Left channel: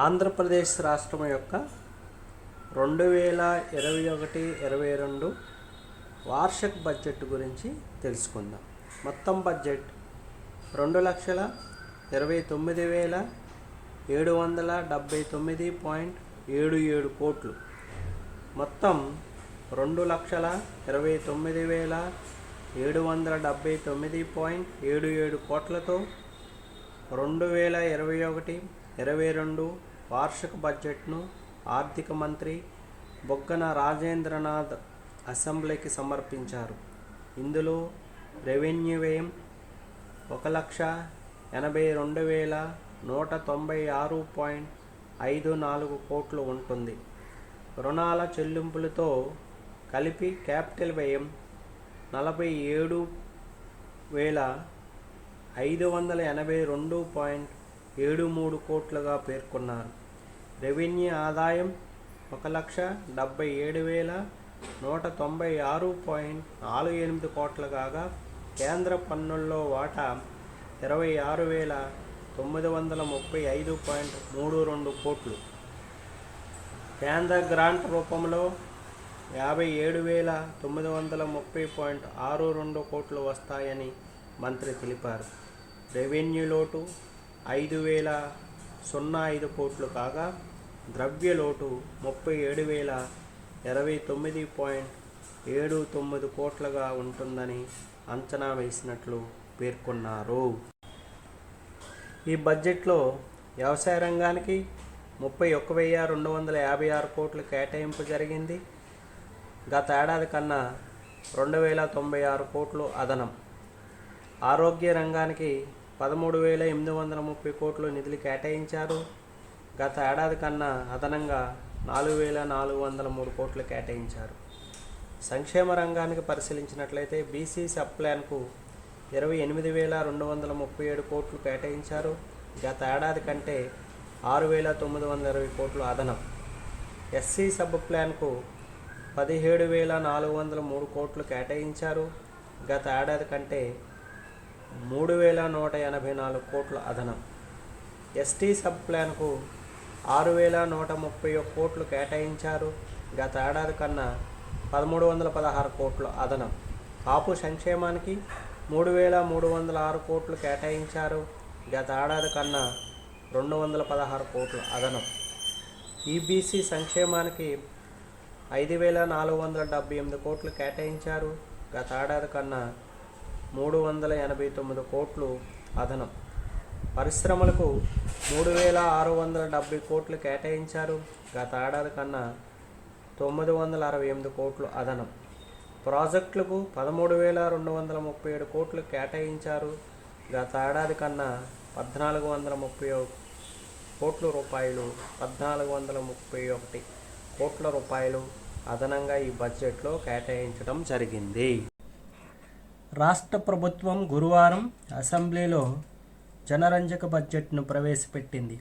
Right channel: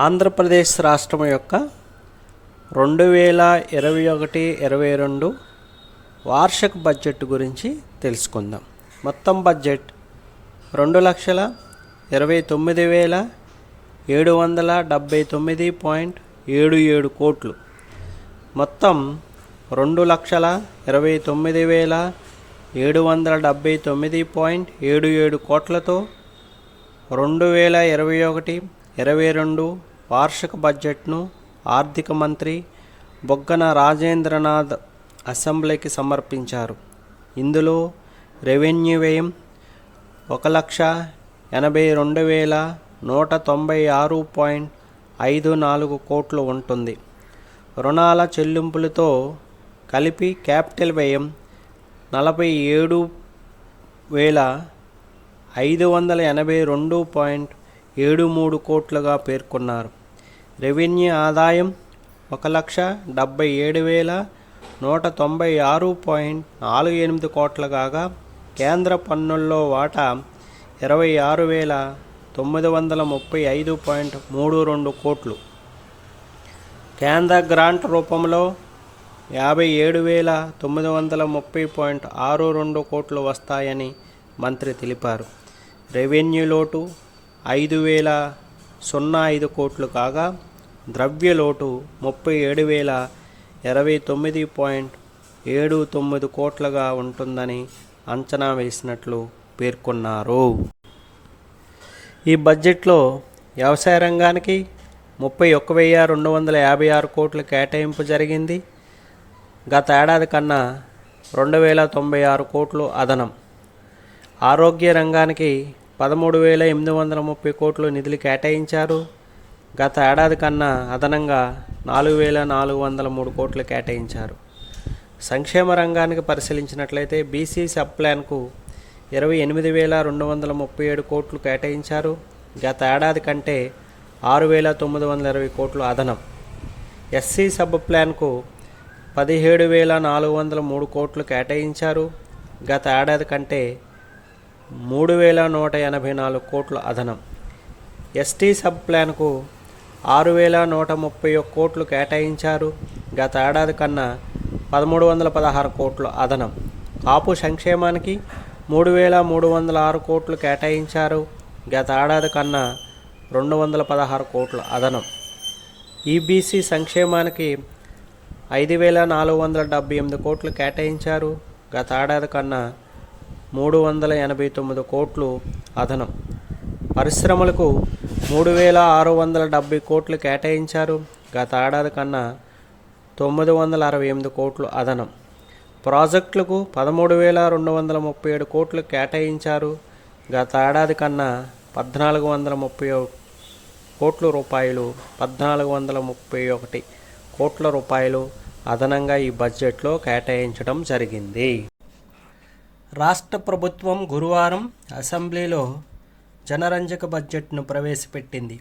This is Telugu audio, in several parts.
ఆంధ్రప్రదేశ్ రాష్ట్రం యొక్క 2021-22 వార్షిక బడ్జెట్ గురించి తెలుసుకుందాం. మొత్తం బడ్జెట్ 2,29,779.77 కోట్లు. మొత్తం 2,29,779.77 కోట్లతో 2021-22 వార్షిక బడ్జెట్ను ఆర్థిక మంత్రి బుగ్గన రాజేంద్రనాథ్ అసెంబ్లీకి సమర్పించారు. ఇందులో రెవెన్యూ వ్యయం 1,82,196.54 కోట్లు ఉంటుంది. రుణాల చెల్లింపులతో కలిపి క్యాపిటల్ వ్యయం 47,582.73 కోట్లుగా పేర్కొన్నారు. రెవెన్యూ ఆదాయం 1,77,196.48 కోట్లు కాగా కేంద్ర పన్నుల్లో వాటా 26,935.32 కోట్లు. కేంద్ర గ్రాంట్ రూపంలో 57,930.62 కోట్లు వస్తాయని మంత్రి తెలిపారు. రెవెన్యూ లోటు 5,005 కోట్లు కాగా ద్రవ్య లోటు 37,029.79 కోట్లుగా ఉంటుందని అంచనా వేసినట్లు పేర్కొన్నారు. ఈ బడ్జెట్లో వ్యవసాయ రంగానికి 31,256 కోట్ల కేటాయింపు జరిగింది. గత ఏడాది కన్నా 2,096 కోట్లు అదనం. ఆరోగ్య రంగానికి 13,830 కోట్లు నిధులు కేటాయించారు. గత ఏడాది కన్నా అదనంగా 4,403 కోట్లు కేటాయించారు. సంక్షేమ రంగానికి పరిశీలించినట్లయితే బీసీ సబ్ ప్లాన్కు 28,237 కోట్లు కేటాయించారు. గత ఏడాది కంటే 6,920 కోట్లు అదనం. ఎస్సీ సబ్ ప్లాన్కు 17,403 కోట్లు కేటాయించారు. గత ఏడాది కంటే 3,184 కోట్లు అదనం. ఎస్టీ సబ్ ప్లాన్కు 6,131 కోట్లు కేటాయించారు. గత ఏడాది కన్నా 1,316 కోట్లు అదనం. కాపు సంక్షేమానికి 3,306 కోట్లు కేటాయించారు. గత ఏడాది కన్నా 216 కోట్లు అదనం. ఈబీసీ సంక్షేమానికి 5,478 కోట్లు కేటాయించారు. గత ఏడాది కన్నా 389 కోట్లు అదనం. పరిశ్రమలకు 3,670 కోట్లు కేటాయించారు. గత ఏడాది కన్నా 968 కోట్లు అదనం. ప్రాజెక్టులకు 13,237 కోట్లు కేటాయించారు. గత ఏడాది కన్నా 1,431 కోట్ల రూపాయలు అదనంగా ఈ బడ్జెట్లో కేటాయించడం జరిగింది. రాష్ట్ర ప్రభుత్వం గురువారం అసెంబ్లీలో జనరంజక బడ్జెట్ను ప్రవేశపెట్టింది.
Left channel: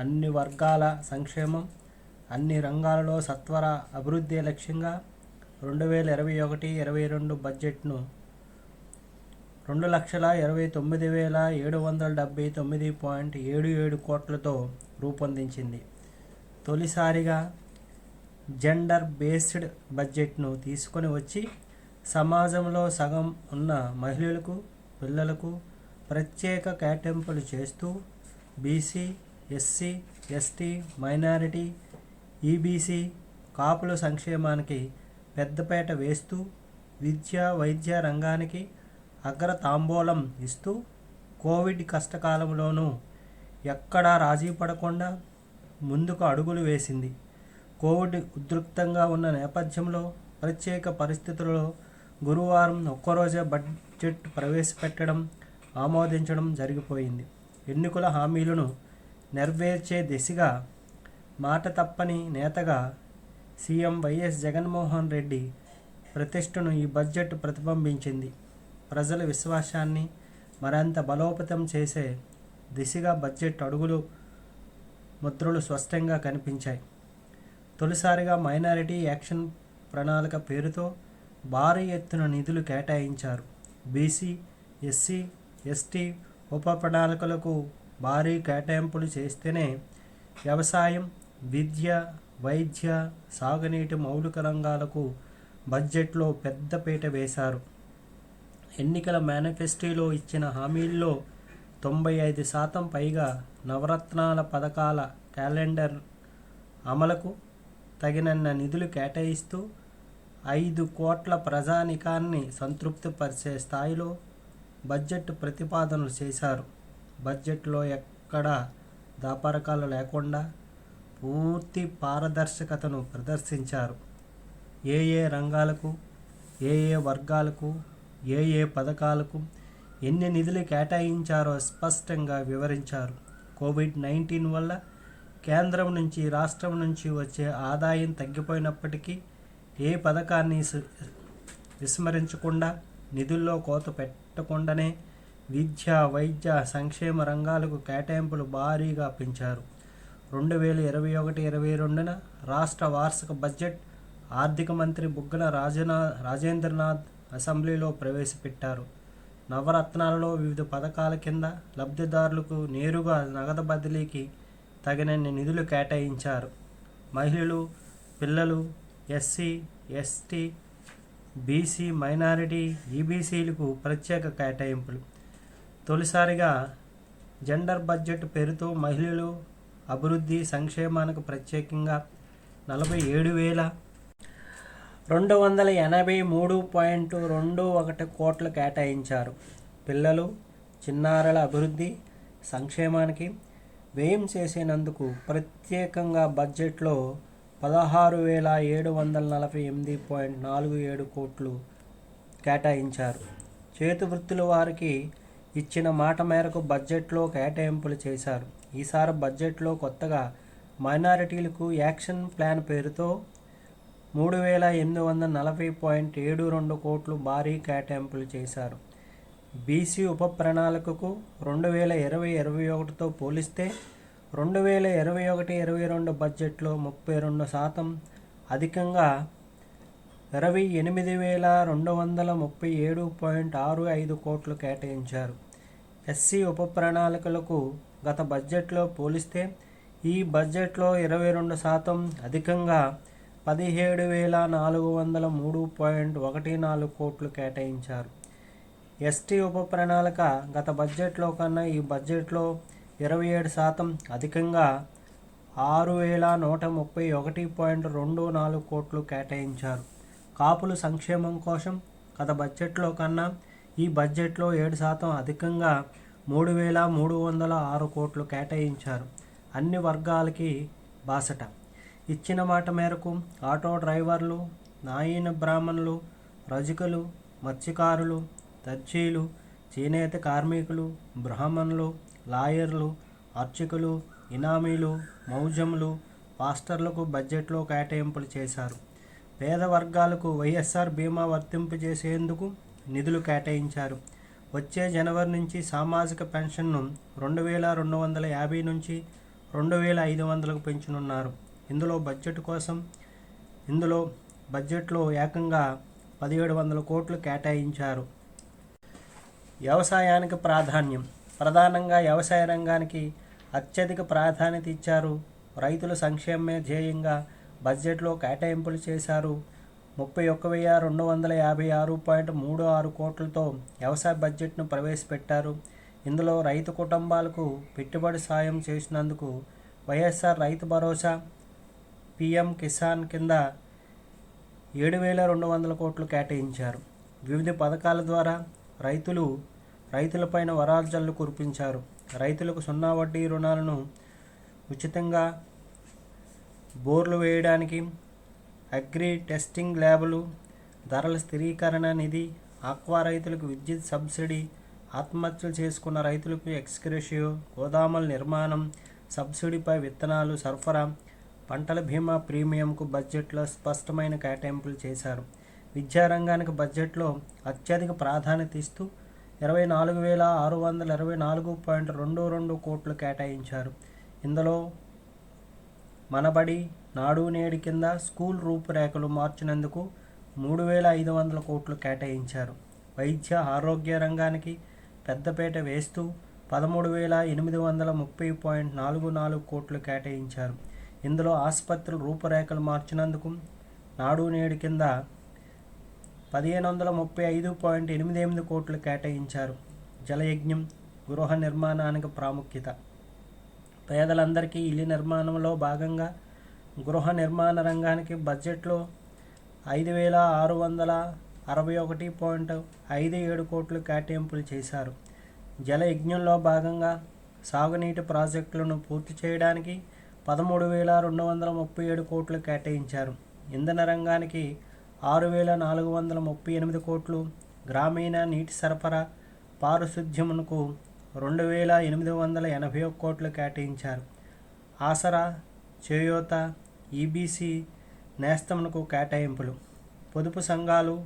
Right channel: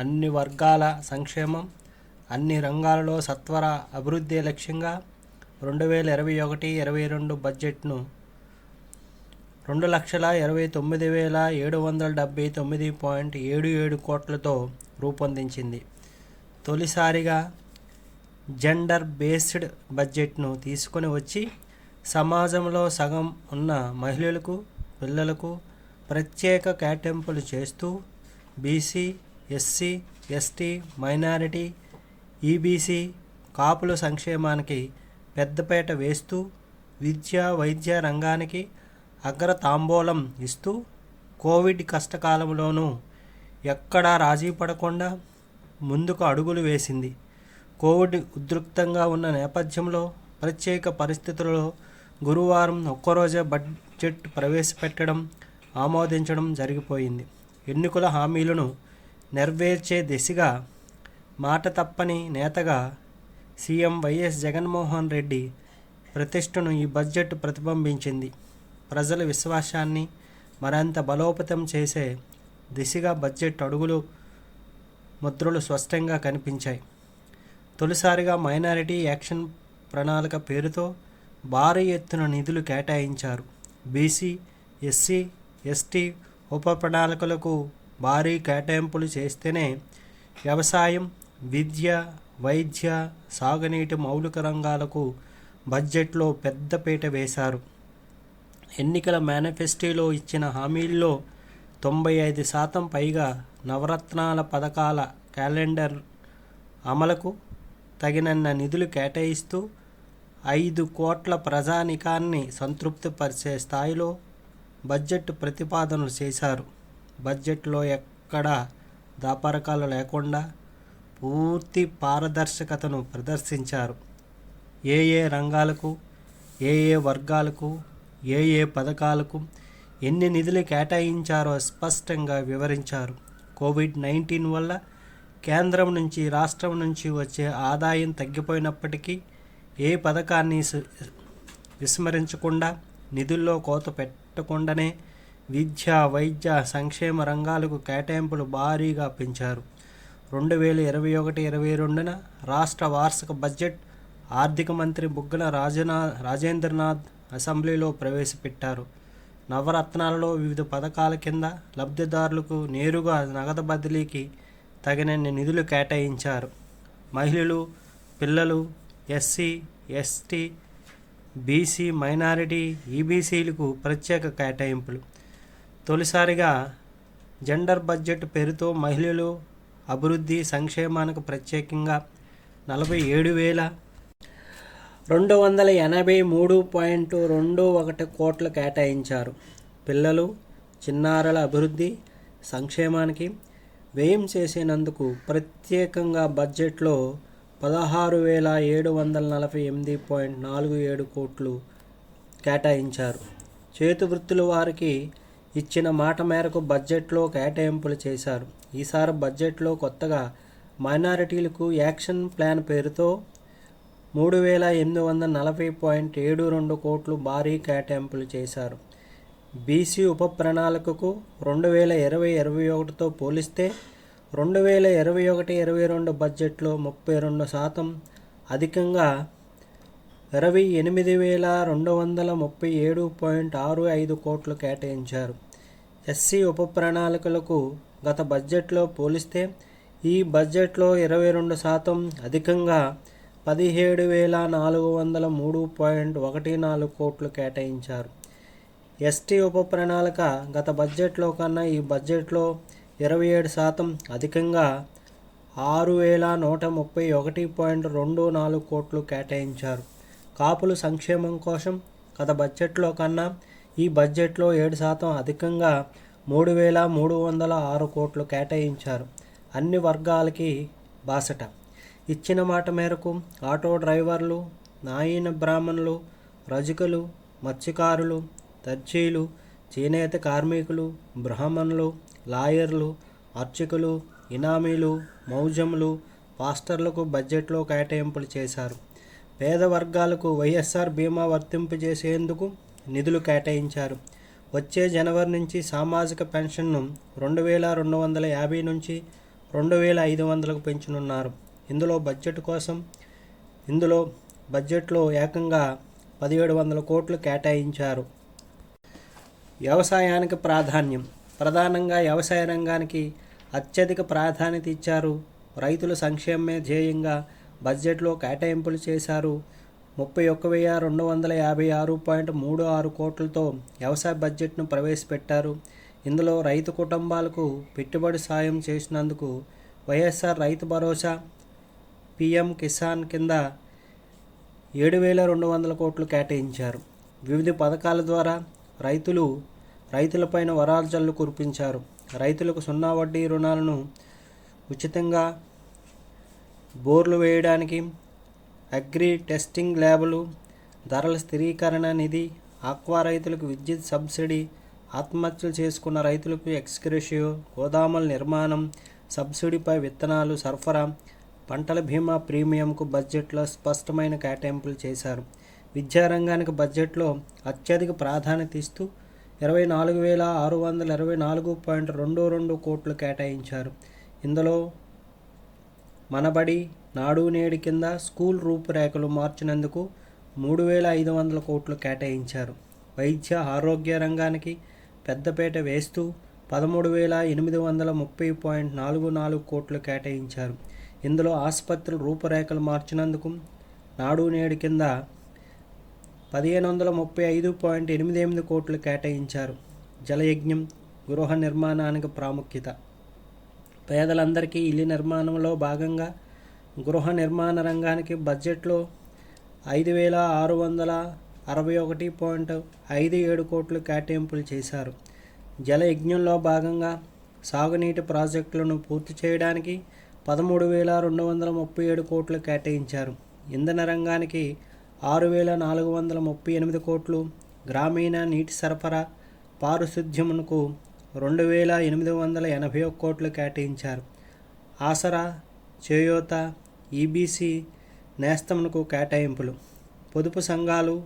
అన్ని వర్గాల సంక్షేమం, అన్ని రంగాలలో సత్వర అభివృద్ధి లక్ష్యంగా 2021-22 బడ్జెట్ను 2,29,779.77 కోట్లతో రూపొందించింది. తొలిసారిగా జెండర్ బేస్డ్ బడ్జెట్ను తీసుకొని వచ్చి సమాజంలో సగం ఉన్న మహిళలకు, పిల్లలకు ప్రత్యేక కేటాయింపులు చేస్తూ BC, SC, ST, minority, EBC, కాపుల సంక్షేమానికి పెద్దపీట వేస్తూ విద్య, వైద్య రంగానికి అగ్రతాంబూలం ఇస్తూ కోవిడ్ కష్టకాలంలోనూ ఎక్కడా రాజీ పడకుండా ముందుకు అడుగులు వేసింది. కోవిడ్ ఉధృతంగా ఉన్న నేపథ్యంలో ప్రత్యేక పరిస్థితులలో గురువారం ఒక్కరోజే బడ్జెట్ ప్రవేశపెట్టడం, ఆమోదించడం జరిగిపోయింది. ఎన్నికల హామీలను నెరవేర్చే దిశగా మాట తప్పని నేతగా సీఎం వైఎస్ జగన్మోహన్ రెడ్డి ప్రతిష్టను ఈ బడ్జెట్ ప్రతిబింబించింది. ప్రజల విశ్వాసాన్ని మరింత బలోపేతం చేసే దిశగా బడ్జెట్ అడుగులు ముద్రలు స్పష్టంగా కనిపించాయి. తొలిసారిగా మైనారిటీ యాక్షన్ ప్రణాళిక పేరుతో భారీ ఎత్తున నిధులు కేటాయించారు. బీసీ, ఎస్సీ, ఎస్టీ ఉప ప్రణాళికలకు భారీ కేటాయింపులు చేస్తేనే వ్యవసాయం, విద్య, వైద్య, సాగునీటి మౌలిక రంగాలకు బడ్జెట్లో పెద్దపీట వేశారు. ఎన్నికల మేనిఫెస్టోలో ఇచ్చిన హామీల్లో 95% పైగా నవరత్నాల పథకాల క్యాలెండర్ అమలుకు తగినన్న నిధులు కేటాయిస్తూ 5 కోట్ల ప్రజానీకాన్ని సంతృప్తిపరిచే స్థాయిలో బడ్జెట్ ప్రతిపాదనలు చేశారు. బడ్జెట్లో ఎక్కడా దాపరకాలు లేకుండా పూర్తి పారదర్శకతను ప్రదర్శించారు. ఏ రంగాలకు, ఏ వర్గాలకు, ఏ పథకాలకు ఎన్ని నిధులు కేటాయించారో స్పష్టంగా వివరించారు. కోవిడ్-19 వల్ల కేంద్రం నుంచి, రాష్ట్రం నుంచి వచ్చే ఆదాయం తగ్గిపోయినప్పటికీ ఏ పథకాన్ని విస్మరించకుండా, నిధుల్లో కోత పెట్టకుండానే విద్య, వైద్య, సంక్షేమ రంగాలకు కేటాయింపులు భారీగా పెంచారు. 2021-22న రాష్ట్ర వార్షిక బడ్జెట్ ఆర్థిక మంత్రి బుగ్గన రాజేంద్రనాథ్ అసెంబ్లీలో ప్రవేశపెట్టారు. నవరత్నాలలో వివిధ పథకాల కింద లబ్ధిదారులకు నేరుగా నగదు బదిలీకి తగినన్ని నిధులు కేటాయించారు. మహిళలు, పిల్లలు, ఎస్సీ, ఎస్టీ, బీసీ, మైనారిటీ, ఈబీసీలకు ప్రత్యేక కేటాయింపులు. తొలిసారిగా జెండర్ బడ్జెట్ పేరుతో మహిళలు అభివృద్ధి సంక్షేమానికి ప్రత్యేకంగా 47,283.21 కోట్లు కేటాయించారు. పిల్లలు, చిన్నారుల అభివృద్ధి సంక్షేమానికి వ్యయం చేసినందుకు ప్రత్యేకంగా బడ్జెట్లో 16,748.47 కోట్లు కేటాయించారు. చేతివృత్తుల వారికి ఇచ్చిన మాట మేరకు బడ్జెట్లో కేటాయింపులు చేశారు. ఈసారి బడ్జెట్లో కొత్తగా మైనారిటీలకు యాక్షన్ ప్లాన్ పేరుతో 3,840.72 కోట్లు భారీ కేటాయింపులు చేశారు. బీసీ ఉప ప్రణాళికకు 2020-21తో పోలిస్తే 2021-22 బడ్జెట్లో 32% అధికంగా 28,237.65 కోట్లు కేటాయించారు. ఎస్సీ ఉప ప్రణాళికలకు గత బడ్జెట్లో పోలిస్తే ఈ బడ్జెట్లో 22% అధికంగా 17,403.14 కోట్లు కేటాయించారు. ఎస్టీ ఉప ప్రణాళిక గత బడ్జెట్లో కన్నా ఈ బడ్జెట్లో 27% అధికంగా 6,131.24 కోట్లు కేటాయించారు. కాపుల సంక్షేమం కోసం గత బడ్జెట్లో కన్నా ఈ బడ్జెట్లో 7% అధికంగా 3,306 కోట్లు కేటాయించారు. అన్ని వర్గాలకి బాసట. ఇచ్చిన మాట మేరకు ఆటో డ్రైవర్లు, నాయన బ్రాహ్మణులు, రజకులు, మత్స్యకారులు, దర్జీలు, చేనేత కార్మికులు, బ్రాహ్మణులు, లాయర్లు, అర్చకులు, ఇనామీలు, మౌజములు, పాస్టర్లకు బడ్జెట్లో కేటాయింపులు చేశారు. పేద వర్గాలకు వైఎస్ఆర్ బీమా వర్తింపజేసేందుకు నిధులు కేటాయించారు. వచ్చే జనవరి నుంచి సామాజిక పెన్షన్ను 2,250 నుంచి 2,500కు పెంచనున్నారు. ఇందులో బడ్జెట్లో ఏకంగా 1,700 కోట్లు కేటాయించారు. వ్యవసాయానికి ప్రాధాన్యం. ప్రధానంగా వ్యవసాయ రంగానికి అత్యధిక ప్రాధాన్యత ఇచ్చారు. రైతుల సంక్షేమమే ధ్యేయంగా బడ్జెట్లో కేటాయింపులు చేశారు. 31,256.36 కోట్లతో వ్యవసాయ బడ్జెట్ను ప్రవేశపెట్టారు. ఇందులో రైతు కుటుంబాలకు పెట్టుబడి సాయం చేసినందుకు వైఎస్ఆర్ రైతు భరోసా, పీఎం కిసాన్ కింద 7,200 కోట్లు కేటాయించారు. వివిధ పథకాల ద్వారా రైతులపైన వరాల్జల్లు కురిపించారు. రైతులకు 0 వడ్డీ రుణాలను, ఉచితంగా బోర్లు వేయడానికి అగ్రి టెస్టింగ్ ల్యాబులు, ధరల స్థిరీకరణ నిధి, ఆక్వా రైతులకు విద్యుత్ సబ్సిడీ, ఆత్మహత్యలు చేసుకున్న రైతులకు ఎక్స్గ్రేషియో, గోదాముల నిర్మాణం, సబ్సిడీపై విత్తనాలు సరఫరా, పంటల బీమా ప్రీమియంకు బడ్జెట్లో స్పష్టమైన కేటాయింపులు చేశారు. విద్యారంగానికి బడ్జెట్లో అత్యధిక ప్రాధాన్యత ఇస్తూ 24,624.22 కోట్లు కేటాయించారు. ఇందులో మనబడి, నాడు నేడు కింద స్కూల్ రూపురేఖలు మార్చినందుకు 3,500 కోట్లు కేటాయించారు. వైద్య ఆరోగ్య రంగానికి పెద్దపీట వేస్తూ 13,830.44 కోట్లు కేటాయించారు. ఇందులో ఆసుపత్రుల రూపురేఖలు మార్చినందుకు నాడు నేడు కింద 1,535.88 కోట్లు కేటాయించారు. జలయజ్ఞం, గృహ నిర్మాణానికి ప్రాముఖ్యత. పేదలందరికీ ఇల్లు నిర్మాణంలో భాగంగా గృహ నిర్మాణ రంగానికి బడ్జెట్లో 5,661.57 కోట్లు కేటాయింపులు చేశారు. జలయజ్ఞంలో భాగంగా సాగునీటి ప్రాజెక్టులను పూర్తి చేయడానికి 13,237 కోట్లు కేటాయించారు. ఇంధన రంగానికి 6,438 కోట్లు, గ్రామీణ నీటి సరఫరా, పారిశుద్ధ్యమునకు 2,881 కోట్లు కేటాయించారు. ఆసరా, చేయూత, ఈబీసీ నేస్తంకు కేటాయింపులు. పొదుపు సంఘాలు,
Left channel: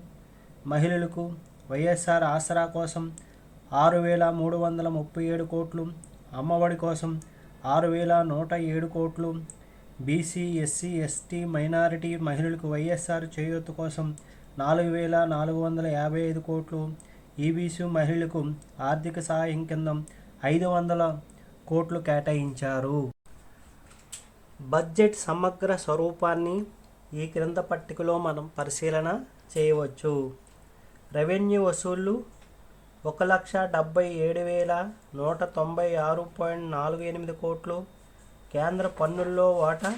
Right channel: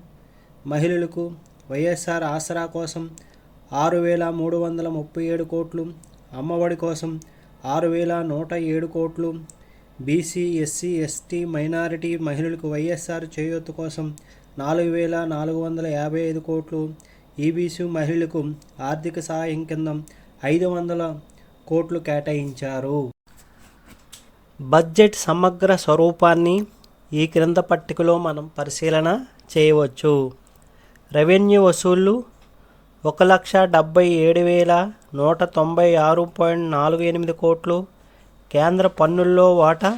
మహిళలకు వైఎస్ఆర్ ఆసరా కోసం 6,337 కోట్లు, అమ్మఒడి కోసం 6,107 కోట్లు, బీసీ, ఎస్సీ, ఎస్టీ, మైనారిటీ మహిళలకు వైఎస్ఆర్ చేయూత కోసం 4,455 కోట్లు, ఈబీసీ మహిళలకు ఆర్థిక సహాయం కింద 500 కోట్లు కేటాయించారు. బడ్జెట్ సమగ్ర స్వరూపాన్ని ఈ క్రింద పట్టికలో మనం పరిశీలన చేయవచ్చు. రెవెన్యూ వసూళ్లు 1,77,196.48 కోట్లు, కేంద్ర పన్నుల్లో వాటా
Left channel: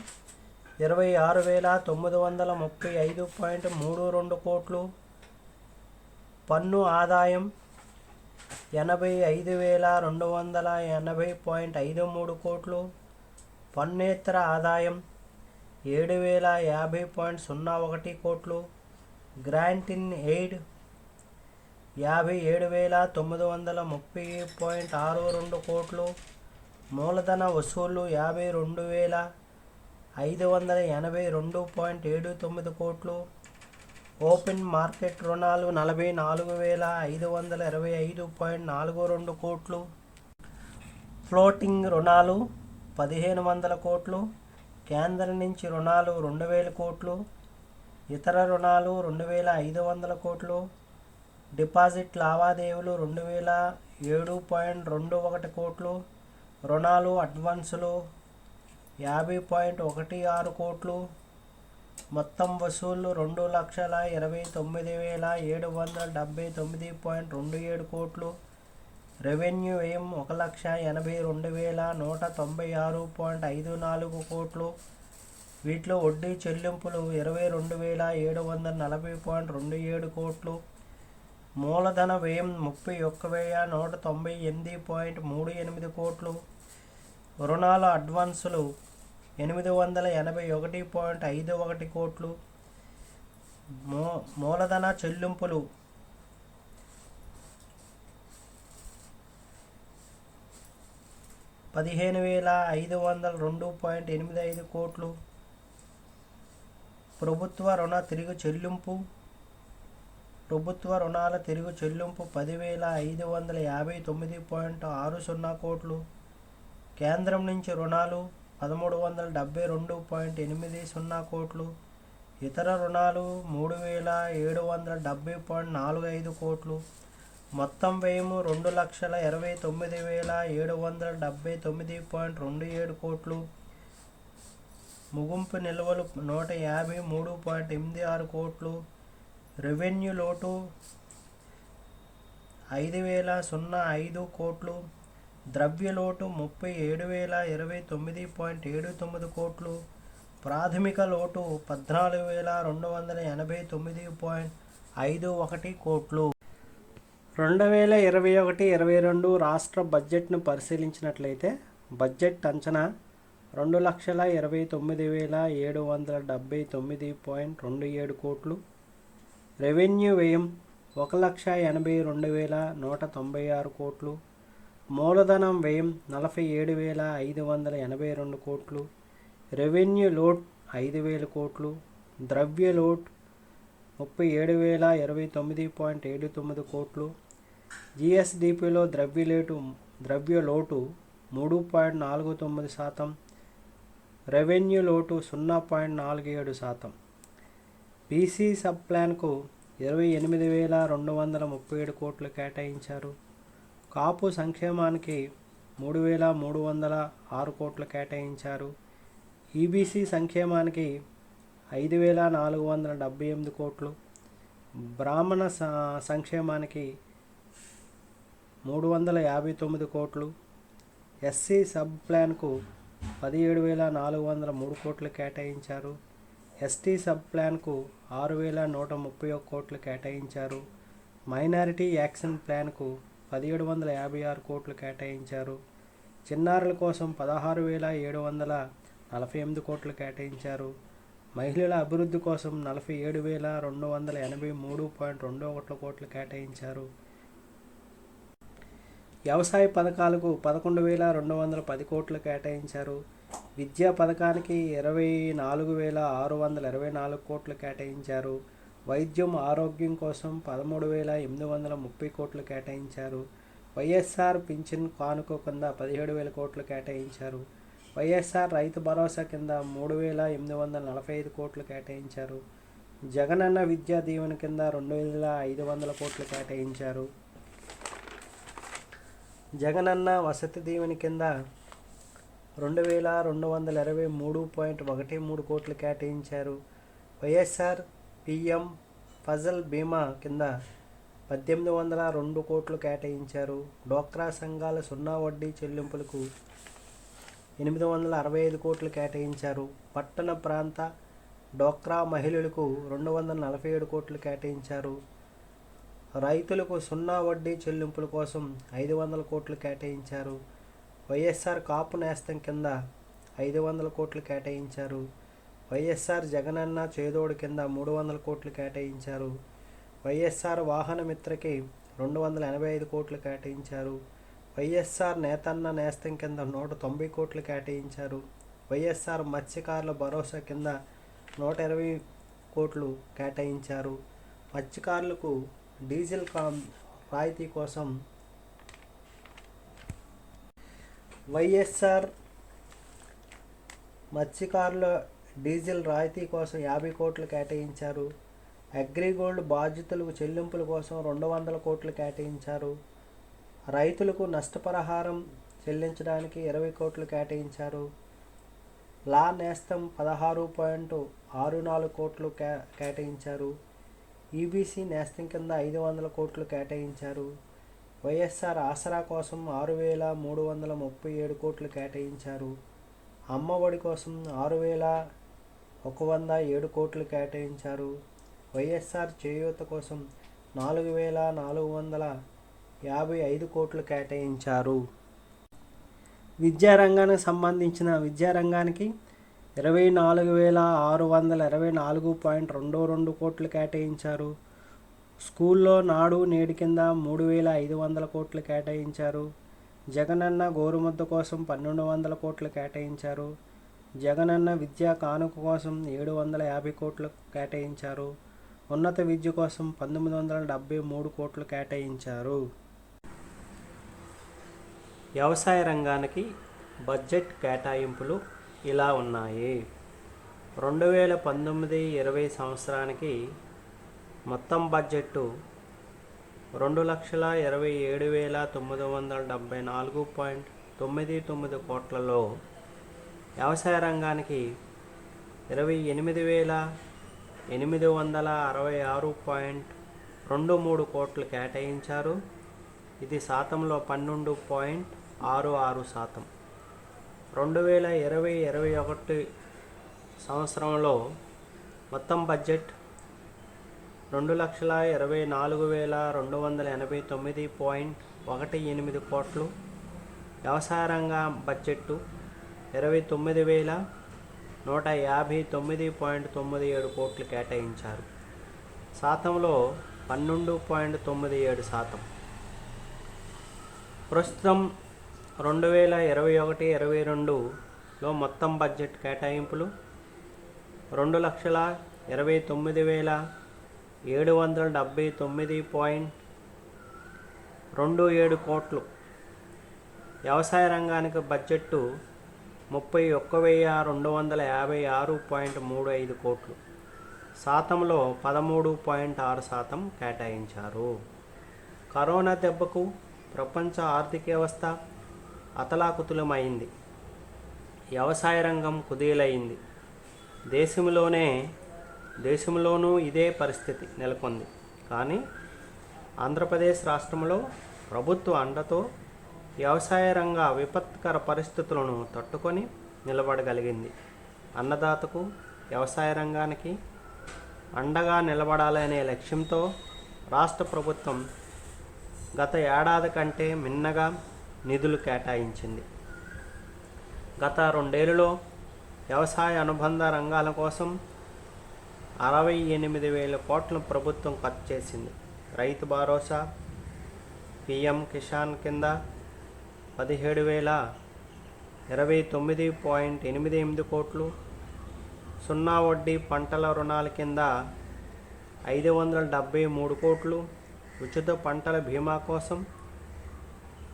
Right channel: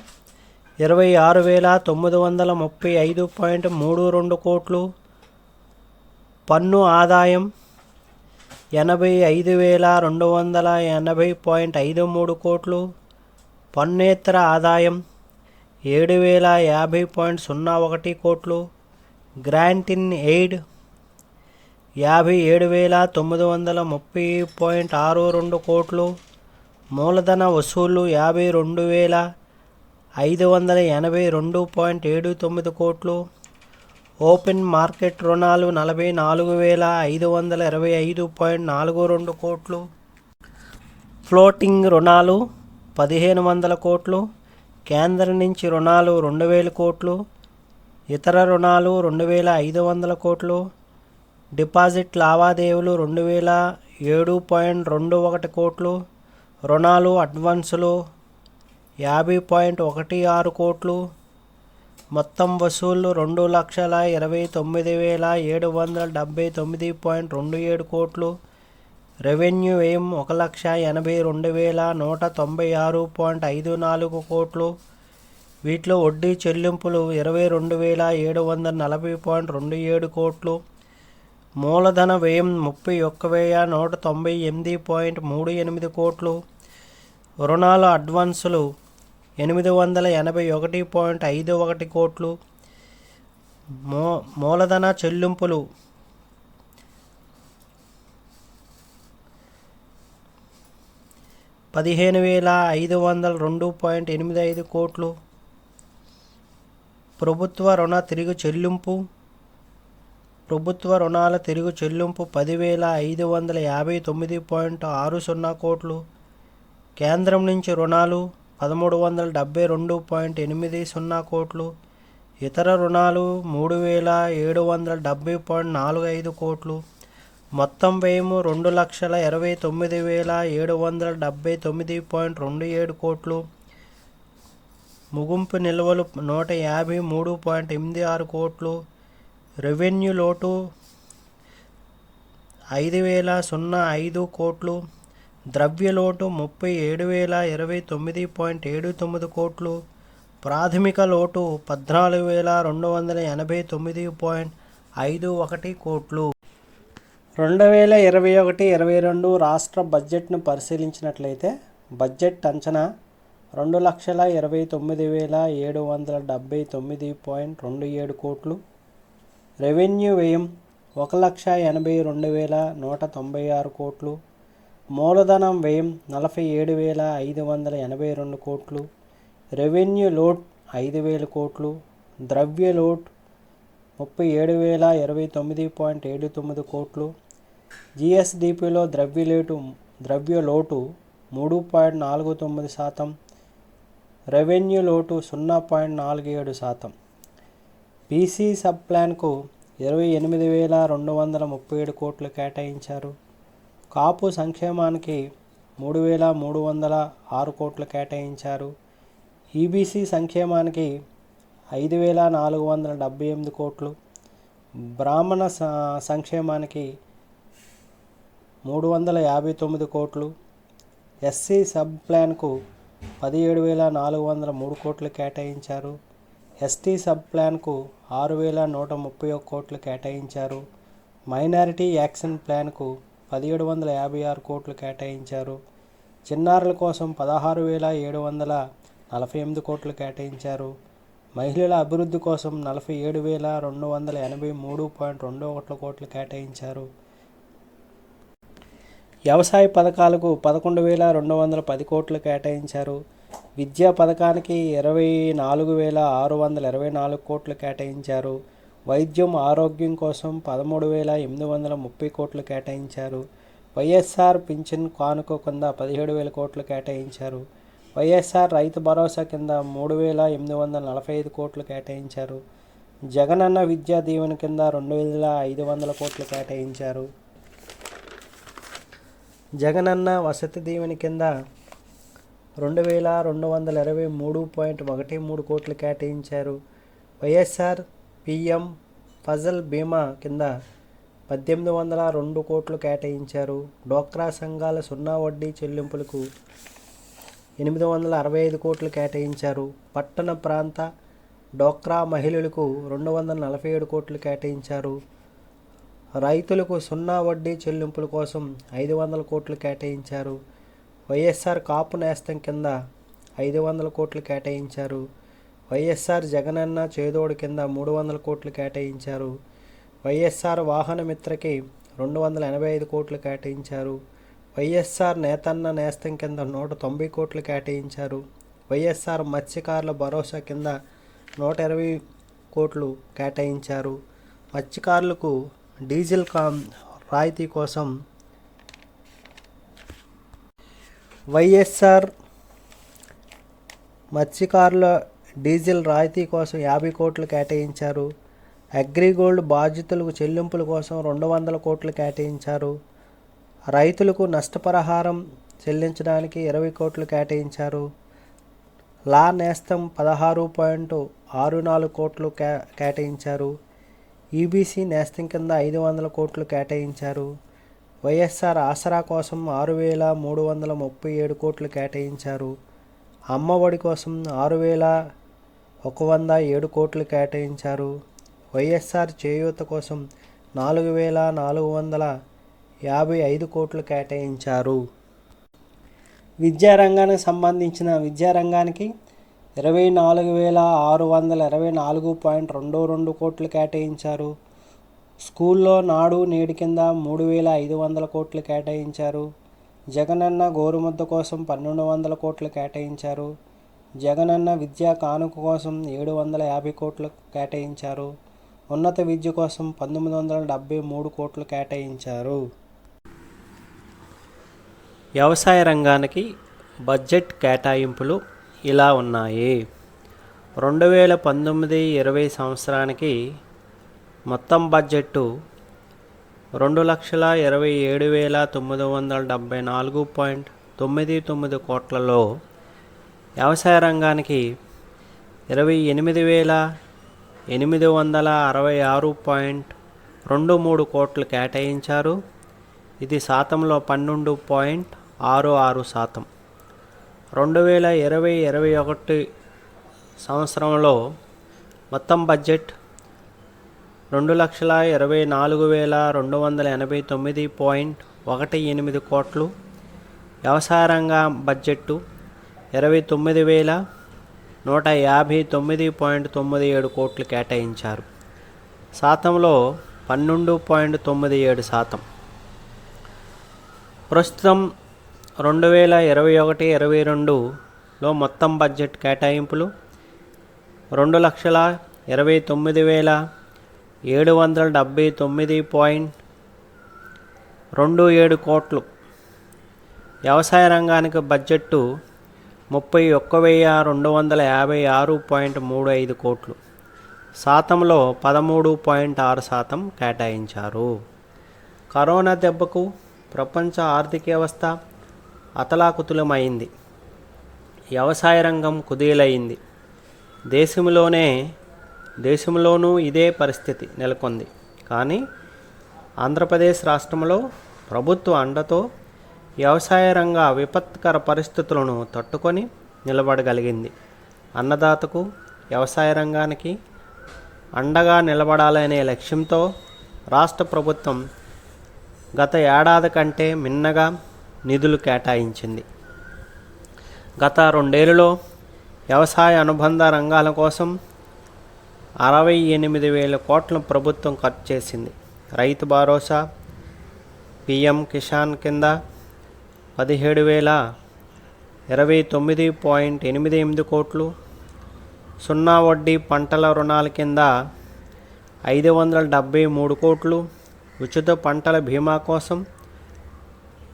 26,935.32 కోట్లు, పన్ను ఆదాయం 85,280.53 కోట్లు, పన్నేతర ఆదాయం 7,050.01 కోట్లు, గ్రాంట్ ఇన్ ఎయిడ్ 57,930.62 కోట్లు, మూలధన వసూళ్లు 52,582.79 కోట్లు, ఓపెన్ మార్కెట్ రుణాలు 44,525.42 కోట్లు, ఫ్లోటింగ్ రుణాలు 1,500 కోట్లు, కేంద్రం నుంచి రుణాలు 2,000 కోట్లు, ఇతర రుణాలు 2,500 కోట్లు, డిపాజిట్ లావాదేవీలు 2,007.21 కోట్లు, రుణాలు అడ్వాన్సులు 50.16 కోట్లు, మొత్తం వసూళ్లు 2,29,779.27 కోట్లు, రెవెన్యూ వ్యయం 1,82,196.54 కోట్లు, వీటిలో వడ్డీ చెల్లింపులు 22,740.27 కోట్లు, మూలధన వ్యయం 31,198.38 కోట్లు, రుణాల అడ్వాన్సులు 881.51 కోట్లు, మూలధన చెల్లింపులు 15,502.85 కోట్లు, ప్రభుత్వ రుణాల తిరుగు చెల్లింపు 10,559.60 కోట్లు, కేంద్రం నుంచి రుణాలు 1,372.80 కోట్లు, ఇతర రుణాలు 3,770.45 కోట్లు, మొత్తం వ్యయం 2,29,779.27 కోట్లు, ముగింపు నిల్వలు 153.86 కోట్లు, రెవెన్యూ లోటు 5,005 కోట్లు, ద్రవ్య లోటు 37,029.79 కోట్లు, ప్రాథమిక లోటు 14,289.51 కోట్లు. 2021-22 రాష్ట్ర బడ్జెట్ను పరిశీలించినట్లయితే బడ్జెట్ అంచనా 2,29,779.27 కోట్లు, రెవెన్యూ వ్యయం 1,82,196 కోట్లు, మూలధనం వ్యయం 47,582 కోట్లు, రెవెన్యూ లోడ్ 5,000 కోట్లు, ద్రవ్య లోడ్ 37,029.79 కోట్లు, జిఎస్డిపిలో ద్రవ్య లోటు 3.49%, రెవెన్యూ లోటు 0.47%. బీసీ సబ్ ప్లాన్కు 28,237 కోట్లు కేటాయించారు. కాపు సంక్షేమానికి 3,306 కోట్లు కేటాయించారు. ఈబీసీ సంక్షేమానికి 5,478 కోట్లు, బ్రాహ్మణ సంక్షేమానికి 359 కోట్లు, ఎస్సీ సబ్ ప్లాన్కు 17,403 కోట్లు కేటాయించారు. ఎస్టీ సబ్ ప్లాన్కు 6,131 కోట్లు కేటాయించారు. మైనారిటీ యాక్షన్ ప్లాన్కు 1,756 కోట్లు కేటాయించారు. చిన్నారుల కోసం 16,748 కోట్లు కేటాయించారు. మహిళల అభివృద్ధి కోసం 47,283.21 కోట్లు కేటాయించారు. వ్యవసాయ పథకాలకు 11,210 కోట్లు కేటాయించారు. విద్యా పథకానికి 24,624 కోట్లు కేటాయించారు. వైద్యం ఆరోగ్యం కోసం 13,830 కోట్లు కేటాయించారు. వైఎస్ఆర్ పింఛన్ కానుక కింద 17,000 కోట్లు కేటాయించారు. వైఎస్ఆర్ రైతు భరోసా కింద 3,845 కోట్లు కేటాయించారు. జగనన్న విద్యా దీవెన కింద 2,500 కోట్లు కేటాయించారు. జగనన్న వసతి దీవెన కింద 2,223.13 కోట్లు కేటాయించారు. వైఎస్ఆర్ పిఎం ఫసల్ బీమా కింద 1,802 కోట్లు కేటాయించారు. డ్వాక్రా సంఘాల సున్నా వడ్డీ చెల్లింపులకు 865 కోట్లు కేటాయించారు. పట్టణ ప్రాంత డ్వాక్రా మహిళలకు 247 కోట్లు కేటాయించారు. రైతులకు సున్నా వడ్డీ చెల్లింపుల కోసం 500 కోట్లు కేటాయించారు. వైఎస్ఆర్ కాపు నేస్తం కింద 500 కోట్లు కేటాయించారు. వైఎస్ఆర్ జగనన్న చేదోడు కింద 300 కోట్లు కేటాయించారు. వైఎస్ఆర్ వాహన మిత్రకి 285 కోట్లు కేటాయించారు. వైఎస్ఆర్ నేతన్న నేస్తం కింద 190 కోట్లు కేటాయించారు. వైఎస్ఆర్ మత్స్యకారుల భరోసా కింద 120 కోట్లు కేటాయించారు. మత్స్యకారులకు డీజిల్ రాయితీ కోసం వైఎస్ఆర్ మత్స్యకారుల డీజిల్ రాయితీ కోసం 50 కోట్లు కేటాయించారు. అగ్రిగోల్డ్ బాధితులకు చెల్లింపుల కోసం 200 కోట్లు కేటాయించారు. రైతులకు నష్టపరిహారం చెల్లించడానికి 20 కోట్లు కేటాయించారు. లా నేస్తం 16.64 కోట్లు కేటాయించారు. ఈబీసీ నేస్తం కింద 500 కోట్లు కేటాయించారు. వైఎస్ఆర్ ఆసరా కోసం 6,337 కోట్లు కేటాయించారు. అమ్మఒడి కోసం 6,107 కోట్లు కేటాయించారు. వైఎస్ఆర్ చేయూత కోసం 4,455 కోట్లు కేటాయించారు. విద్యారంగానికి సంబంధించిన విద్యారంగానికి 24,624.22 కోట్లు కేటాయించారు. స్కూల్లో నాడు నేడు కింద 3,500 కోట్లు కేటాయించారు. జగనన్న గోరుముద్ద కోసం 1,200 కోట్లు కేటాయించారు. జగనన్న విద్యా కానుక కోసం 750 కోట్లు కేటాయించారు. ఉన్నత విద్య కోసం 1,973 కోట్లు కేటాయించారు. వ్యవసాయ రంగానికి బడ్జెట్ కేటాయింపులు ఇలా ఉన్నాయి. 2019-20 సంవత్సరానికి మొత్తం బడ్జెట్టు 2,27,974.99 కోట్లలో వ్యవసాయ రంగానికి 28,866.23 కోట్లు కేటాయించారు. ఇది శాతంలో 12.66%. 2020-21 సంవత్సరంలో మొత్తం బడ్జెట్ 2,24,289.18 కోట్లు. వ్యవసాయ రంగ బడ్జెట్టు 29,159.97 కోట్లు కేటాయించారు. శాతంలో 12.97%. ప్రస్తుతం 2021-22లో మొత్తం బడ్జెట్ కేటాయింపులు 2,29,779.27 కోట్లు. వ్యవసాయ రంగానికి బడ్జెట్టు 31,256.35 కోట్లు. శాతంలో 13.6% కేటాయించారు. కరోనా దెబ్బకు ప్రపంచ ఆర్థిక వ్యవస్థ అతలాకుతలమైంది. వ్యవసాయ రంగం కుదేలైంది. దేశంలోనూ ఇదే పరిస్థితి నెలకొంది. కానీ ఆంధ్రప్రదేశ్ రాష్ట్రంలో ప్రభుత్వ అండతో వ్యవసాయ రంగ విపత్కర పరిస్థితులను తట్టుకొని నిలబడగలిగింది. అన్నదాతకు, వ్యవసాయ రంగానికి అండగా నిలబడాలనే లక్ష్యంతో రాష్ట్ర ప్రభుత్వం గత ఏడాది కంటే మిన్నగా నిధులు కేటాయించింది. గత 2 ఏళ్లలో వ్యవసాయ అనుబంధ రంగాల కోసం 68,000 కోట్ల ప్రభుత్వం ఖర్చు చేసింది. రైతు భరోసా, పిఎం కిసాన్ కింద 17,029.88 కోట్లు, సున్నా వడ్డీ పంటల రుణాల కింద 573 కోట్లు, ఉచిత పంటల బీమా కోసం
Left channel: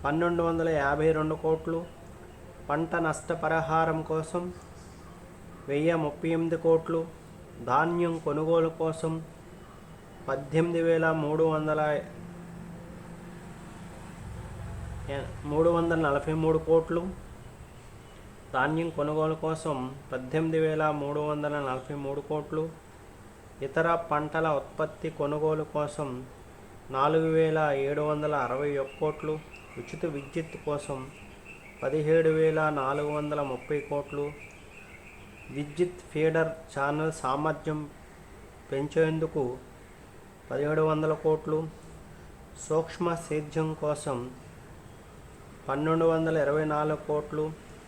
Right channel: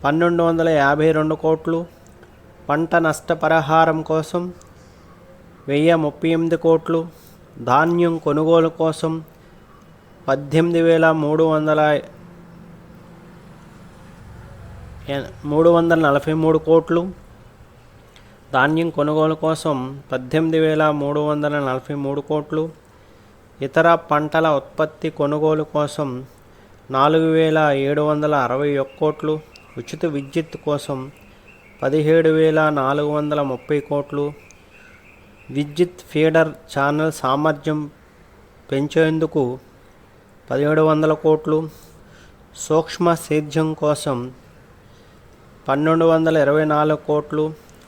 1,252 కోట్లు, పంట నష్టపరిహారం కోసం 1,038 కోట్లు, ధాన్యం కొనుగోలు కోసం 18,343 కోట్లు, ధాన్యం కొనుగోలు కోసం 18,343 కోట్లు, ఇతర పంటల ఉత్పత్తి కొనుగోలు కోసం 4,761 కోట్లు, ఉచిత విద్యుత్ కోసం 17,430 కోట్లు, విద్యుత్ ఫీడర్ ఛానల్ సామర్థ్యం పెంచేందుకు 1,700 కోట్లు, సూక్ష్మ సేద్యం కోసం 1,224 కోట్లు,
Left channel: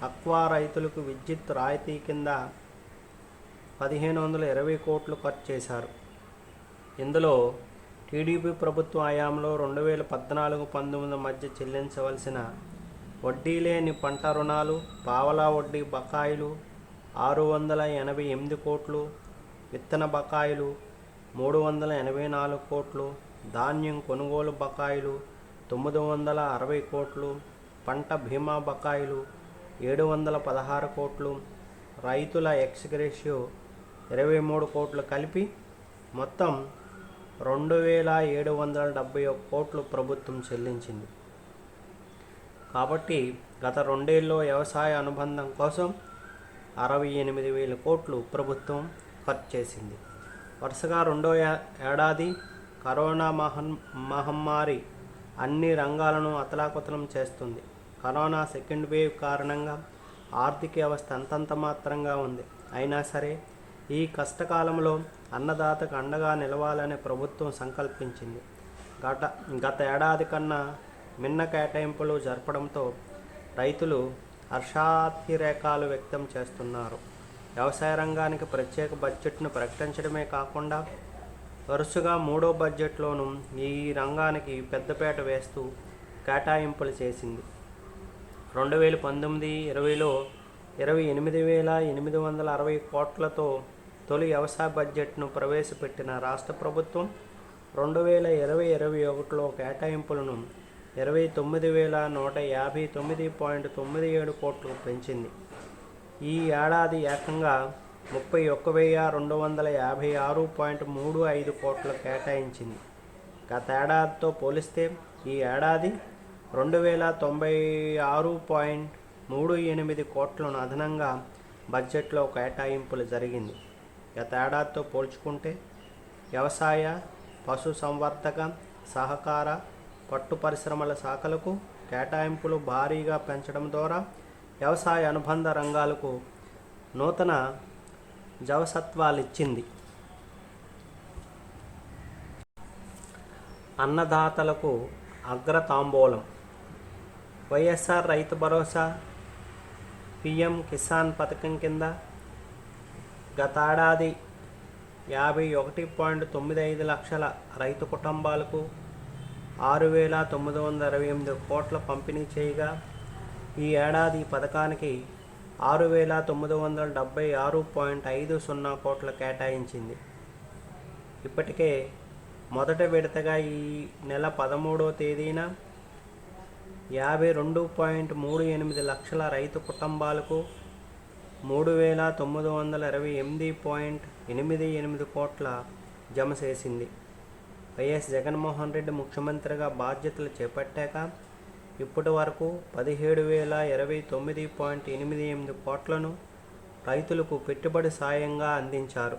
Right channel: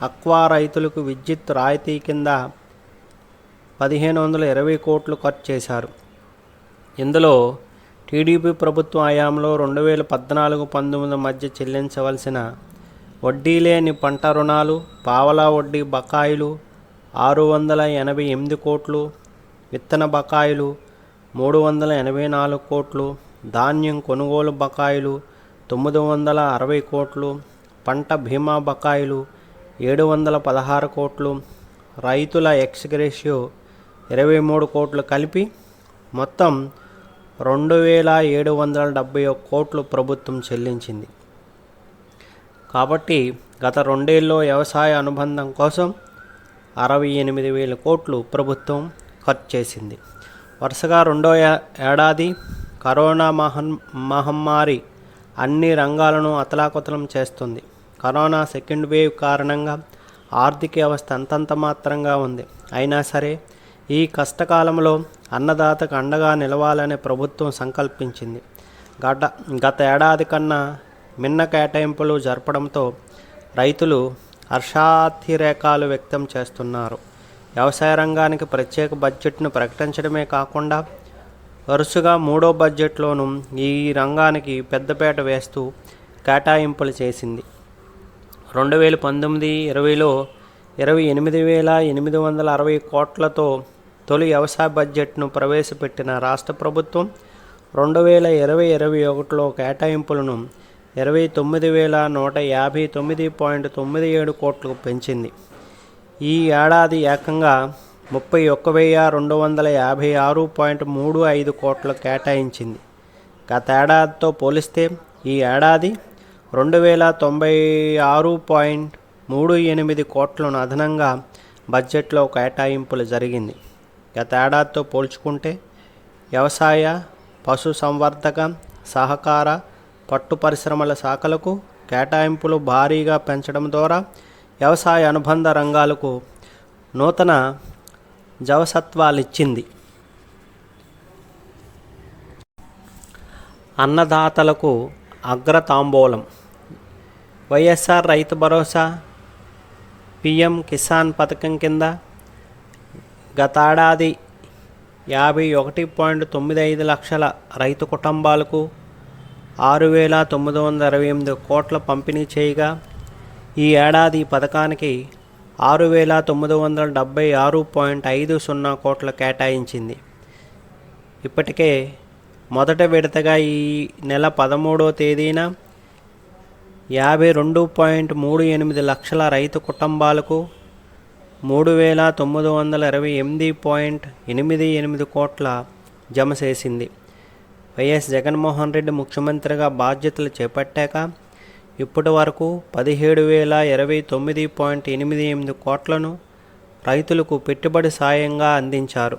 అక్వా రైతులకు విద్యుత్ రాయితీ కింద 1,520 కోట్లు ఖర్చు చేశారు. ఇందులో టీడీపీ ప్రభుత్వ హయాంలో 2014-19 మధ్య చెల్లించవలసిన వడ్డీ లేని పంట రుణాలు, పావలా వడ్డీ బకాయిలు 688 కోట్లు, విత్తన బకాయిలు 384 కోట్లు, ధాన్యం కొనుగోలు బకాయిలు 960 కోట్లు, పంట బీమా బకాయిలు 716 కోట్లు, రైతుల ఎక్స్గ్రేషియో 23 కోట్లు కలిపి మొత్తం 2,771 కోట్లు ప్రభుత్వం చెల్లించింది. కాబట్టి గత 2 ఏళ్లలో వ్యవసాయ అనుబంధం కోసం 68,000 కోట్లు ప్రభుత్వం ఖర్చు చేసింది. వరుసగా 2వ ఏడాది కరోనా మహమ్మారి అన్ని రంగాలను అతలాకుతలం చేస్తుంది. కరోనా సెకండ్ వేవ్ కారణంగా ఆర్థిక వ్యవస్థ అంతంత మాత్రంగా ఉంది. అయినా సరే ఈ కష్టకాలంలో అన్నదాతకు అండగా నిలవాలని ప్రభుత్వం సంకల్పించింది. గత ఏడాది కన్నా మిన్న కేటాయింపులు జరపడంతో రైతులు హర్షాతిరేకాలు వ్యక్తం చేస్తున్నారు. వ్యవసాయ రంగానికి ప్రత్యేక బడ్జెట్ను ప్రకటించడమే కాకుండా వరుసగా 3వ బడ్జెట్లోనూ ఈ రంగానికి పెద్దపీట వేస్తూ కేటాయింపులు చేసింది. 2019-20లో 28,860 కోట్లతో తొలి వ్యవసాయ బడ్జెట్ను ప్రవేశపెట్టిన రాష్ట్ర ప్రభుత్వం 2020-21లో కేటాయింపులను 29,159.97 కోట్లకు పెంచింది. ఈ ఏడాది ఏకంగా 31,256.35 కోట్లు కేటాయించింది. గత ఏడాదితో పోలిస్తే ఈ ఏడాది 2,096.38 కోట్లను అదనంగా బడ్జెట్లో కేటాయింపులు జరిగింది. గత ఏడాదితో పోల్చుకుంటే వ్యవసాయ, పశు సంవర్ధక, సహకార, పట్టు పరిశ్రమల శాఖలకు కేటాయింపులు భారీగా పెంచడం ద్వారా వ్యవసాయ అనుబంధ రంగాలకు నూతన జవసత్వాలిచ్చింది. అన్నదాతలకు అగ్రతాంబూలం. వైఎస్ఆర్ రైతు భరోసా, పిఎం కిసాన్ పథకం కింద గతేడాది 51.95 లక్షల రైతు కుటుంబాలకు 6,928 కోట్ల పంపిణీ చేయగా ఈ ఏడాది పథకానికి 6,976.50 కోట్ల కేటాయించింది. ఇప్పటికే మొదట విడతగా ఈ నెల 13వ తేదీన 52.38 లక్షల రైతు కుటుంబాలకు 3,928.88 కోట్ల జమ చేసింది. వైఎస్ జగన్మోహన్ రెడ్డి ముఖ్యమంత్రిగా బాధ్యతలు చేపట్టాక ఇప్పటి వరకు 17,029.88 కోట్లను రైతులకు పెట్టుబడి సాయంగా అందించారు.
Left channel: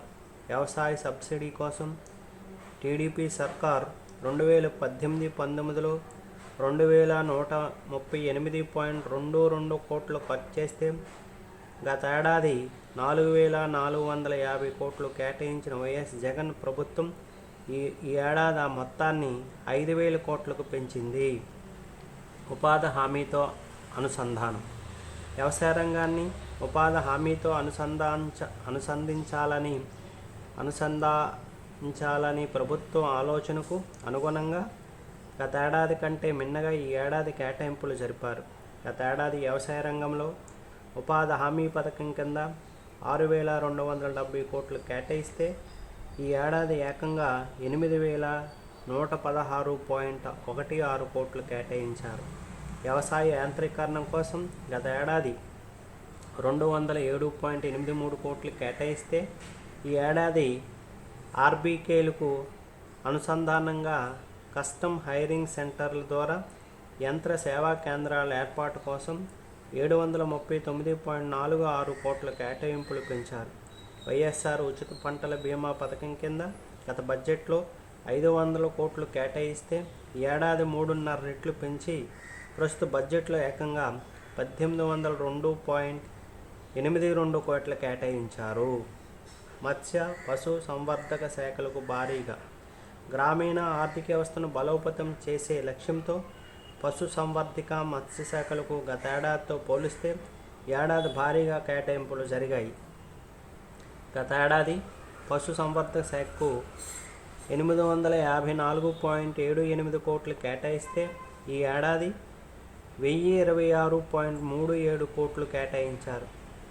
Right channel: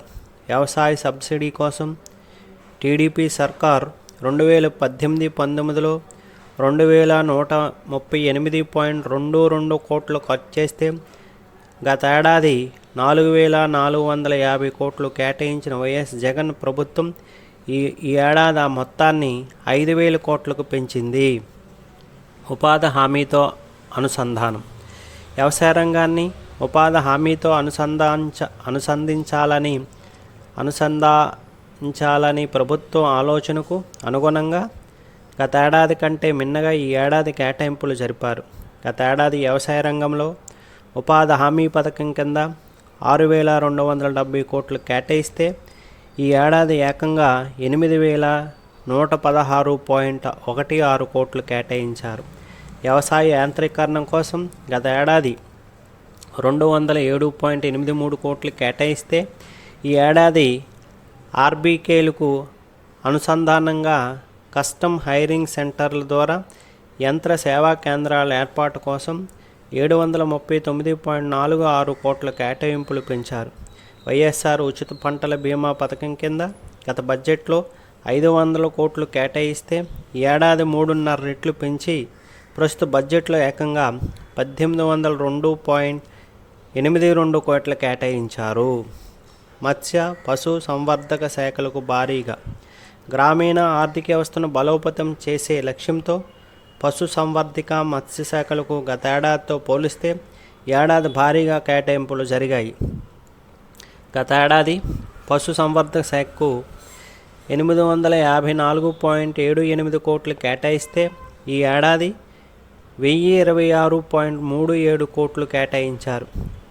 వ్యవసాయ సబ్సిడీ కోసం టీడీపీ సర్కార్ 2018-19లో 2,138.22 కోట్లు ఖర్చు చేస్తే గతేడాది 4,450 కోట్లు కేటాయించిన వైఎస్ జగన్ ప్రభుత్వం ఈ ఏడాది ఆ మొత్తాన్ని 5,000 కోట్లకు పెంచింది. ఉపాధి హామీతో అనుసంధానం. వ్యవసాయ రంగాన్ని ఉపాధి హామీతో అనుసంధానించాలని ప్రభుత్వం ఆలోచనకు అనుగుణంగా గతేడాది కంటే మిన్నగా ఈ ఏడాది కేటాయింపులు జరిపారు. గతేడాది వ్యవసాయ రంగంలో ఉపాధి హామీ పథకం కింద 6,270 కోట్లు కేటాయిస్తే ఈ ఏడాది ఏకంగా 8,116.16 కోట్లు కేటాయించారు. వ్యవసాయ యాంత్రీకరణ కోసం గత ఏడాది 207.83 కోట్లు కేటాయిస్తే ఈ ఏడాది ఆర్బీకేలకు అనుసంధానంగా కస్టమ్ హైరింగ్ సెంటర్ల ద్వారా యంత్ర సేవా కేంద్రాల ఏర్పాటు కోసం 739.46 కోట్ల కేటాయింపులు పెంచారు. వైఎస్ఆర్ ఉచిత పంటల బీమా పథకం కింద గత బడ్జెట్లో 500 కోట్లు కేటాయిస్తే ఈ ఏడాది 3.5 రెట్లు పెంచి ప్రస్తుత బడ్జెట్లో ఏకంగా 1,802.82 కోట్లు కేటాయించారు. మత్స్య పశు సంవర్ధక శాఖలకు భారీగా గ్రామీణ ఆర్థిక వ్యవస్థను బలోపేతం చేసే లక్ష్యంతో పశు సంవర్ధక మత్స్య శాఖలకు గతేడాదితో పోలిస్తే ఏడాది భారీగా కేటాయింపులు జరిగాయి. గతేడాది పశు సంవర్ధక శాఖకు 854.78 కోట్లు కేటాయిస్తే ఈ ఏడాది 1,026.37 కోట్లు కేటాయించారు.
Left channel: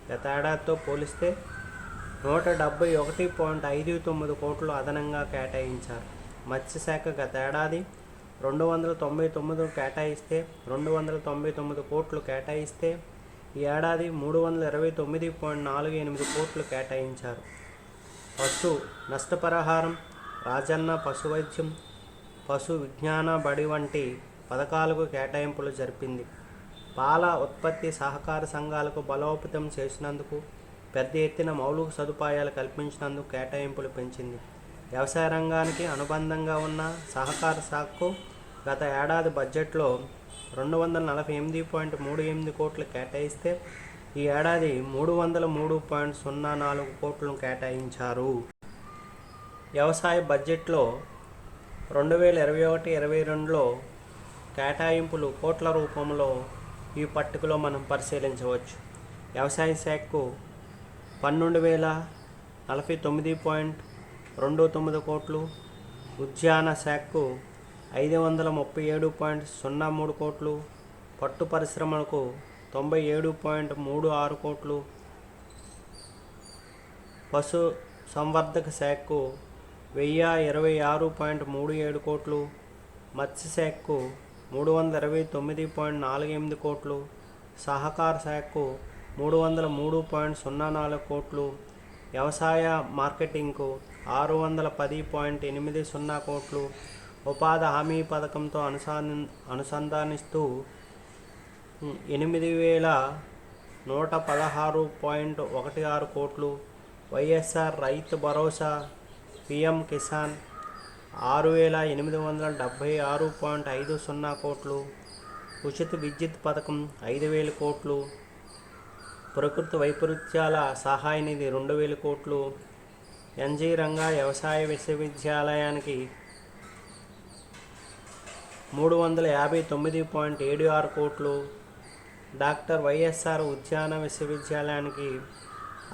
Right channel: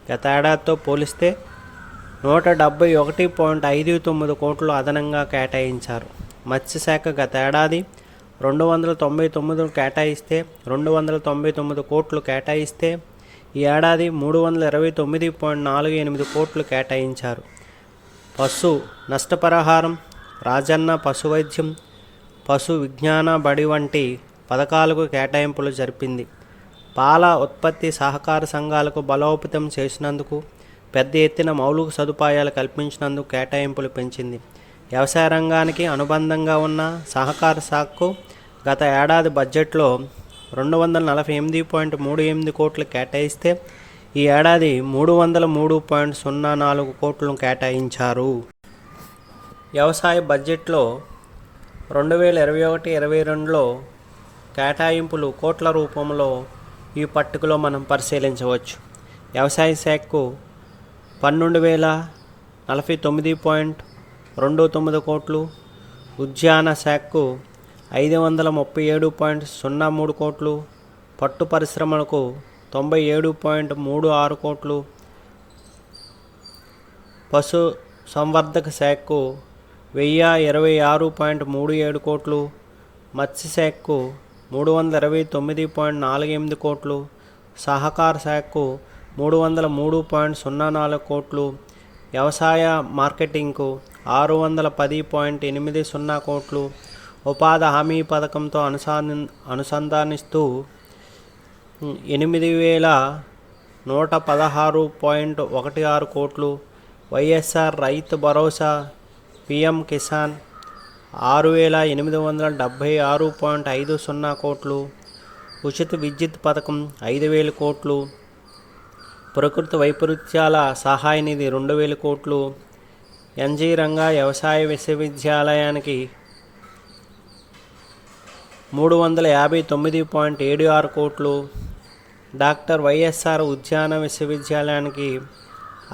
గతేడాదితో పోలిస్తే 171.59 కోట్లు అదనంగా కేటాయించారు. మత్స్యశాఖ గతేడాది 299 కేటాయిస్తే 299 కోట్లు కేటాయిస్తే ఈ ఏడాది 329.48 కోట్లు కేటాయించారు. పశు నష్టపరిహారం, రాజన్న పశు వైద్యం, పశు విజ్ఞాన బడి వంటి పథకాలకు కేటాయింపులు జరిపింది. పాల ఉత్పత్తి సహకార సంఘాలకు బలోపేతం చేసినందుకు, పెద్ద ఎత్తున మౌలిక సదుపాయాలు కల్పించినందుకు కేటాయింపులు పెంచింది. వ్యవసాయ రంగానికి అనుబంధంగా ఉన్న సహకార శాఖకు గత ఏడాది బడ్జెట్లో 248.38 కోట్లు కేటాయిస్తే ఈ ఏడాది 303.04 కోట్లను కేటాయించారు. వ్యవసాయ బడ్జెట్లో 2021-22లో కేటాయింపులు కోట్ల రూపంలో ఈ పట్టికలో మనం పరిశీలించవచ్చు. వ్యవసాయ శాఖకు 12,049.29 కోట్లు, ఉద్యాన శాఖకు 537.03 కోట్లు, పట్టు పరిశ్రమలకు 97.36 కోట్లు, పశు సంవర్ధక శాఖకు 1,026.37 కోట్లు, మత్స్యశాఖకు 329.48 కోట్లు, సహకార శాఖకు 303.04 కోట్లు, వ్యవసాయ మార్కెటింగ్కు 610.80 కోట్లు, ఉపాధి హామీ పథకంతో అనుసంధానిస్తూ 8,116.16 కోట్లు, వైఎస్ఆర్ రైతు భరోసా, పిఎం కిసాన్ 6,876.50 కోట్లు, ఉచిత విద్యుత్ పథకం 5,000 కోట్లు, ప్రకృతి వైపరీత్యాల సహాయ నిధి 2,000 కోట్లు, ఎన్జీ రంగా వ్యవసాయ విశ్వవిద్యాలయానికి 359.76 కోట్లు, డాక్టర్ వైఎస్ఆర్ ఉద్యాన విశ్వవిద్యాలయానికి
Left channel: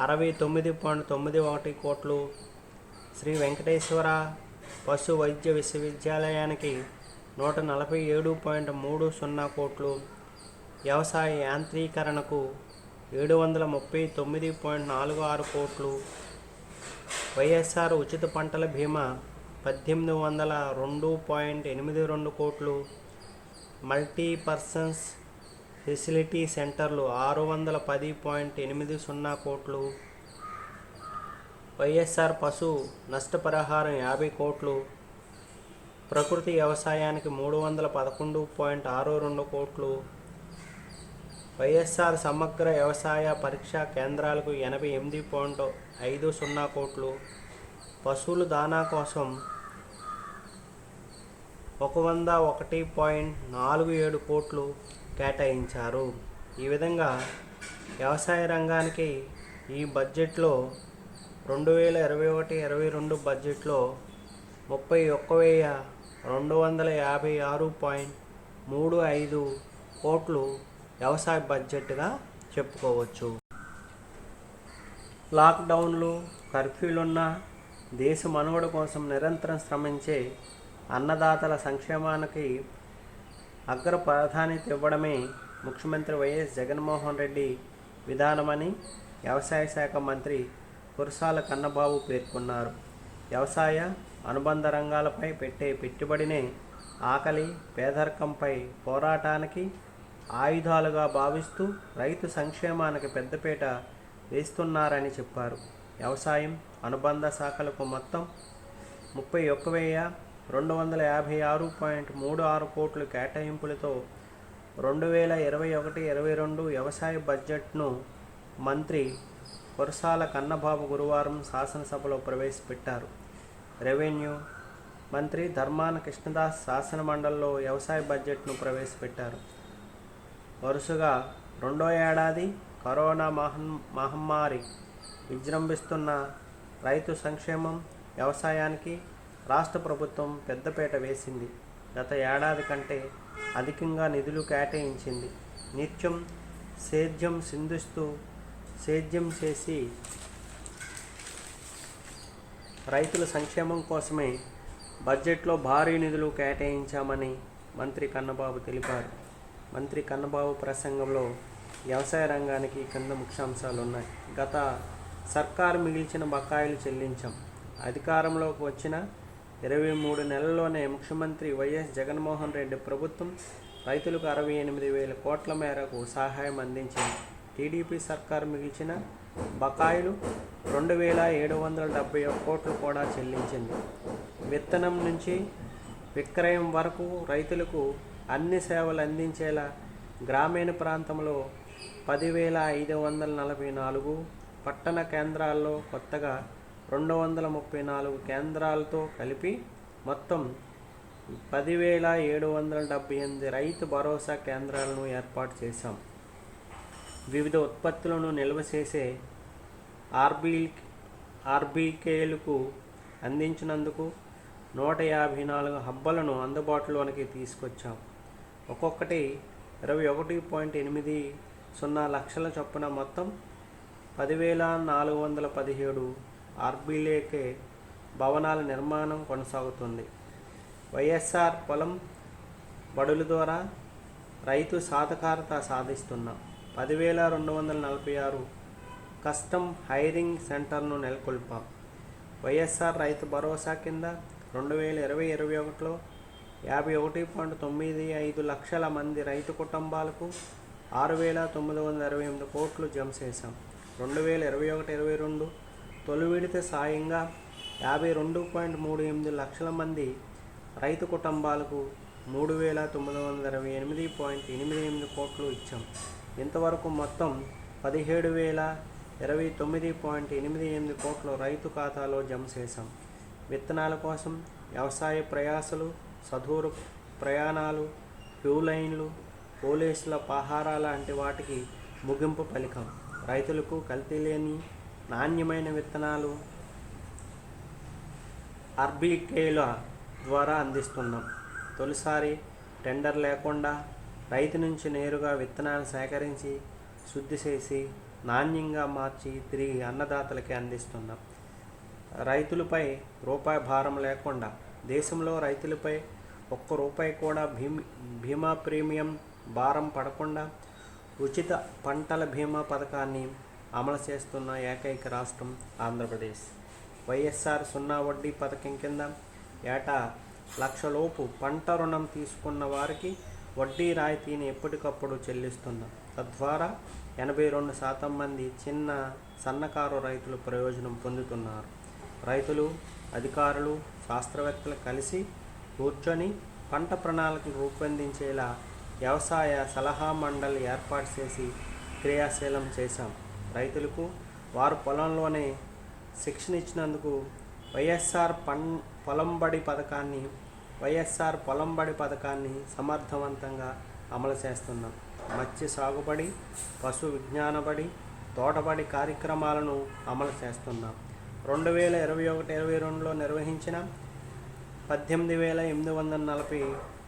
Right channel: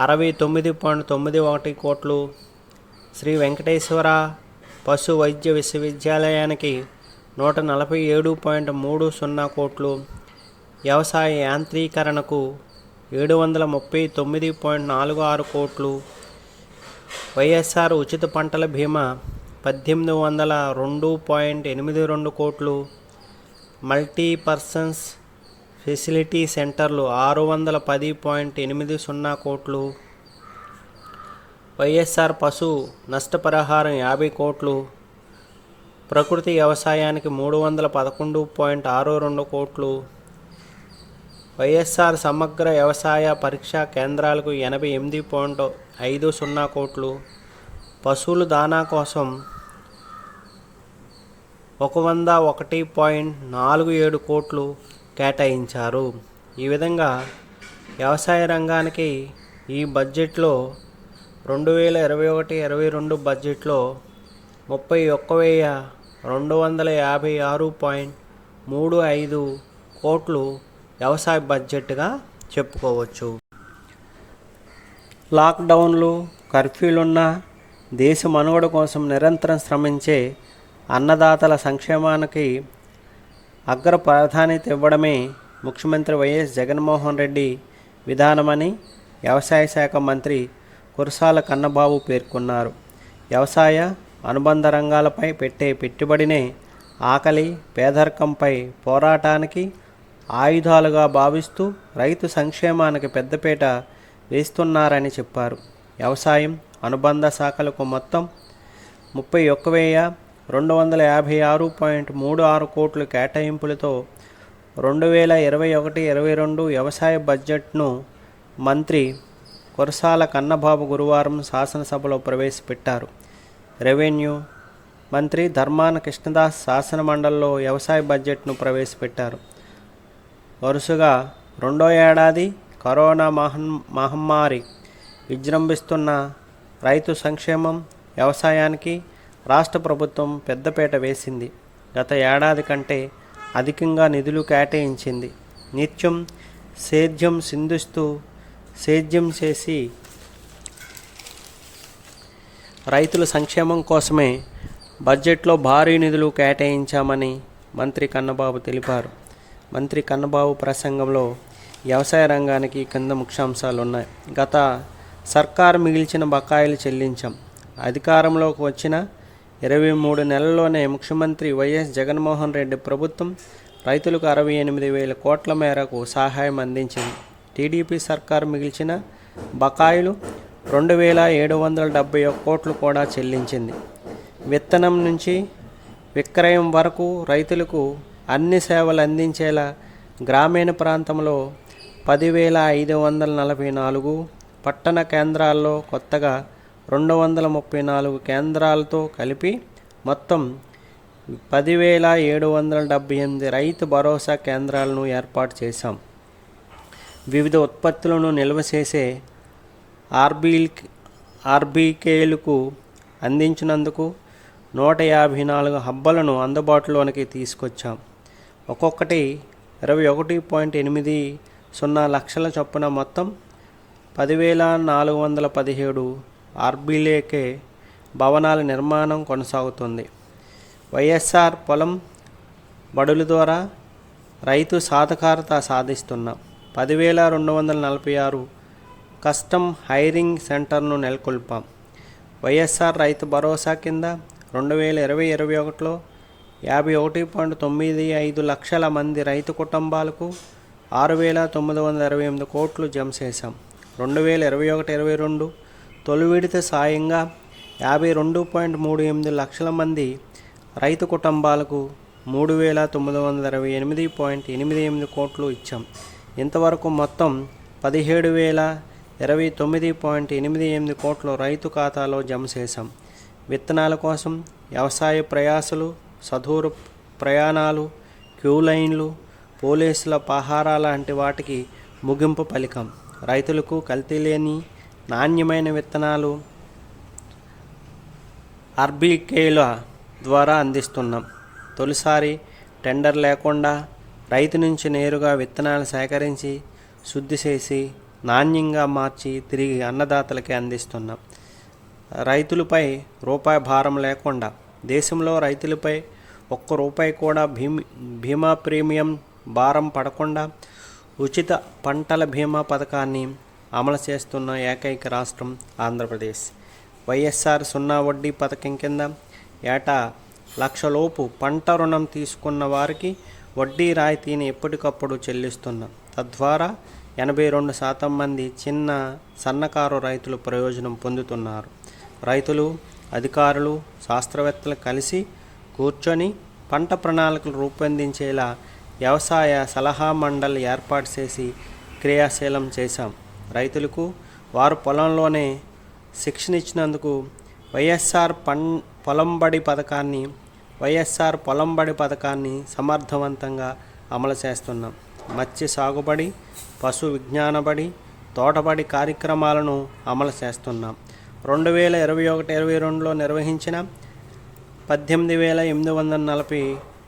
69.91 కోట్లు, శ్రీ వెంకటేశ్వర పశు వైద్య విశ్వవిద్యాలయానికి 147.30 కోట్లు, వ్యవసాయ యాంత్రీకరణకు 739.46 కోట్లు, వైఎస్ఆర్ ఉచిత పంటల బీమా 1,802.82 కోట్లు, మల్టీపర్పస్ ఫెసిలిటీ సెంటర్లు 610.80 కోట్లు, వైఎస్ఆర్ పశు నష్టపరిహారం 50 కోట్లు, ప్రకృతి వ్యవసాయానికి 311.62 కోట్లు, వైఎస్ఆర్ సమగ్ర వ్యవసాయ పరీక్షా కేంద్రాలకు 88.50 కోట్లు, పశువుల దాణా కోసం 101.47 కోట్లు కేటాయించారు. ఈ విధంగా వ్యవసాయ రంగానికి ఈ బడ్జెట్లో 2021-22 బడ్జెట్లో 31,256.35 కోట్లు వ్యవసాయ బడ్జెట్గా చెప్పుకోవచ్చు. లాక్డౌన్లు, కర్ఫ్యూలున్న దేశ మనుగడ కోసం నిరంతరం శ్రమించే అన్నదాతల సంక్షేమానికి అగ్ర ప్రాధాన్యత ఇవ్వడమే ముఖ్యమంత్రి వైఎస్ జగన్మోహన్ రెడ్డి విధానమని వ్యవసాయ శాఖ మంత్రి కురసాల కన్నబాబు పేర్కొన్నారు. వ్యవసాయ అనుబంధ రంగాలపై పెట్టే పెట్టుబడినే ఆకలి, పేదరికంపై పోరాటానికి ఆయుధాలుగా భావిస్తూ రైతు సంక్షేమానికి పెద్దపీట వేస్తున్నారని చెప్పారు. వ్యవసాయం అనుబంధ శాఖలకు మొత్తం 31,256.36 కోట్ల కేటాయింపులతో 2021-22 వ్యవసాయ బడ్జెట్ను మంత్రి కురసాల కన్నబాబు గురువారం శాసనసభలో ప్రవేశపెట్టారు. రెవెన్యూ మంత్రి ధర్మాన కృష్ణదాస్ శాసనమండలిలో వ్యవసాయ బడ్జెట్ను ప్రవేశపెట్టారు. వరుసగా రెండో ఏడాది కరోనా మహమ్మారి విజృంభిస్తున్న రైతు సంక్షేమం, వ్యవసాయానికి రాష్ట్ర ప్రభుత్వం పెద్దపీట వేసింది. గత ఏడాది కంటే అధికంగా నిధులు కేటాయించింది. నిత్యం సేద్యం చేసి రైతుల సంక్షేమం కోసమే బడ్జెట్లో భారీ నిధులు కేటాయించామని మంత్రి కన్నబాబు తెలిపారు. మంత్రి కన్నబాబు ప్రసంగంలో వ్యవసాయ రంగానికి కింద ముఖ్యాంశాలు ఉన్నాయి. గత సర్కారు మిగిల్చిన బకాయిలు చెల్లించాం. అధికారంలోకి వచ్చిన 23 నెలల్లోనే ముఖ్యమంత్రి వైఎస్ జగన్మోహన్ రెడ్డి ప్రభుత్వం రైతులకు 68,000 కోట్ల మేరకు సహాయం అందించింది. టీడీపీ సర్కారు మిగిల్చిన బకాయిలు 2,771 కోట్లు కూడా చెల్లించింది. విత్తనం నుంచి విక్రయం వరకు రైతులకు అన్ని సేవలు అందించేలా గ్రామీణ ప్రాంతంలో 10,544, పట్టణ కేంద్రాల్లో కొత్తగా 234 కేంద్రాలతో కలిపి మొత్తం 10,778 రైతు భరోసా కేంద్రాలను ఏర్పాటు చేశాం. వివిధ ఉత్పత్తులను నిల్వ చేసే ఆర్బీకేలకు అందించినందుకు 154 హబ్బలను అందుబాటులోనికి తీసుకొచ్చాం. ఒక్కొక్కటి 21.80 లక్షల చొప్పున మొత్తం 10,417 ఆర్బీకేలకే భవనాల నిర్మాణం కొనసాగుతుంది. వైఎస్ఆర్ పొలం బడుల ద్వారా రైతు సాధికారత సాధిస్తున్నాం. 10,246 కస్టమ్ హైరింగ్ సెంటర్ను నెలకొల్పాం. వైఎస్ఆర్ రైతు భరోసా కింద 2020-21లో 51.95 లక్షల మంది రైతు కుటుంబాలకు 6,928 కోట్లు జమ చేశాం. 2021-22 తొలి విడత సాయంగా 52.38 లక్షల మంది రైతు కుటుంబాలకు 3,928.88 కోట్లు ఇచ్చాం. ఇంతవరకు మొత్తం 17,029.88 కోట్లు రైతు ఖాతాలో జమ చేశాం. విత్తనాల కోసం వ్యవసాయ ప్రయాసలు, చదువు ప్రయాణాలు, క్యూ లైన్లు, పోలీసుల పహారా లాంటి వాటికి ముగింపు పలికాం. రైతులకు కల్తీ లేని నాణ్యమైన విత్తనాలు ఆర్బీకేల ద్వారా అందిస్తున్నాం. తొలిసారి టెండర్ లేకుండా రైతు నుంచి నేరుగా విత్తనాలు సేకరించి శుద్ధి చేసి నాణ్యంగా మార్చి తిరిగి అన్నదాతలకే అందిస్తున్నాం. రైతులపై రూపాయి భారం లేకుండా దేశంలో రైతులపై ₹1 కూడా బీమా ప్రీమియం భారం పడకుండా ఉచిత పంటల బీమా పథకాన్ని అమలు చేస్తున్న ఏకైక రాష్ట్రం ఆంధ్రప్రదేశ్. వైఎస్ఆర్ 0 వడ్డీ పథకం కింద ఏటా ₹1,00,000 పంట రుణం తీసుకున్న వారికి వడ్డీ రాయితీని ఎప్పటికప్పుడు చెల్లిస్తున్నాం. తద్వారా 82% మంది చిన్న సన్నకారు రైతులు ప్రయోజనం పొందుతున్నారు. రైతులు, అధికారులు, శాస్త్రవేత్తలు కలిసి కూర్చొని పంట ప్రణాళికలు రూపొందించేలా వ్యవసాయ సలహా మండలి ఏర్పాటు చేసి క్రియాశీలం చేశాం. రైతులకు వారు పొలంలోనే శిక్షణ ఇచ్చినందుకు వైఎస్ఆర్ పొలంబడి పథకాన్ని సమర్థవంతంగా అమలు చేస్తున్నాం. మత్స్య సాగుబడి, పశు విజ్ఞాన బడి, తోటబడి కార్యక్రమాలను అమలు చేస్తున్నాం. 2021-22లో నిర్వహించిన 18,840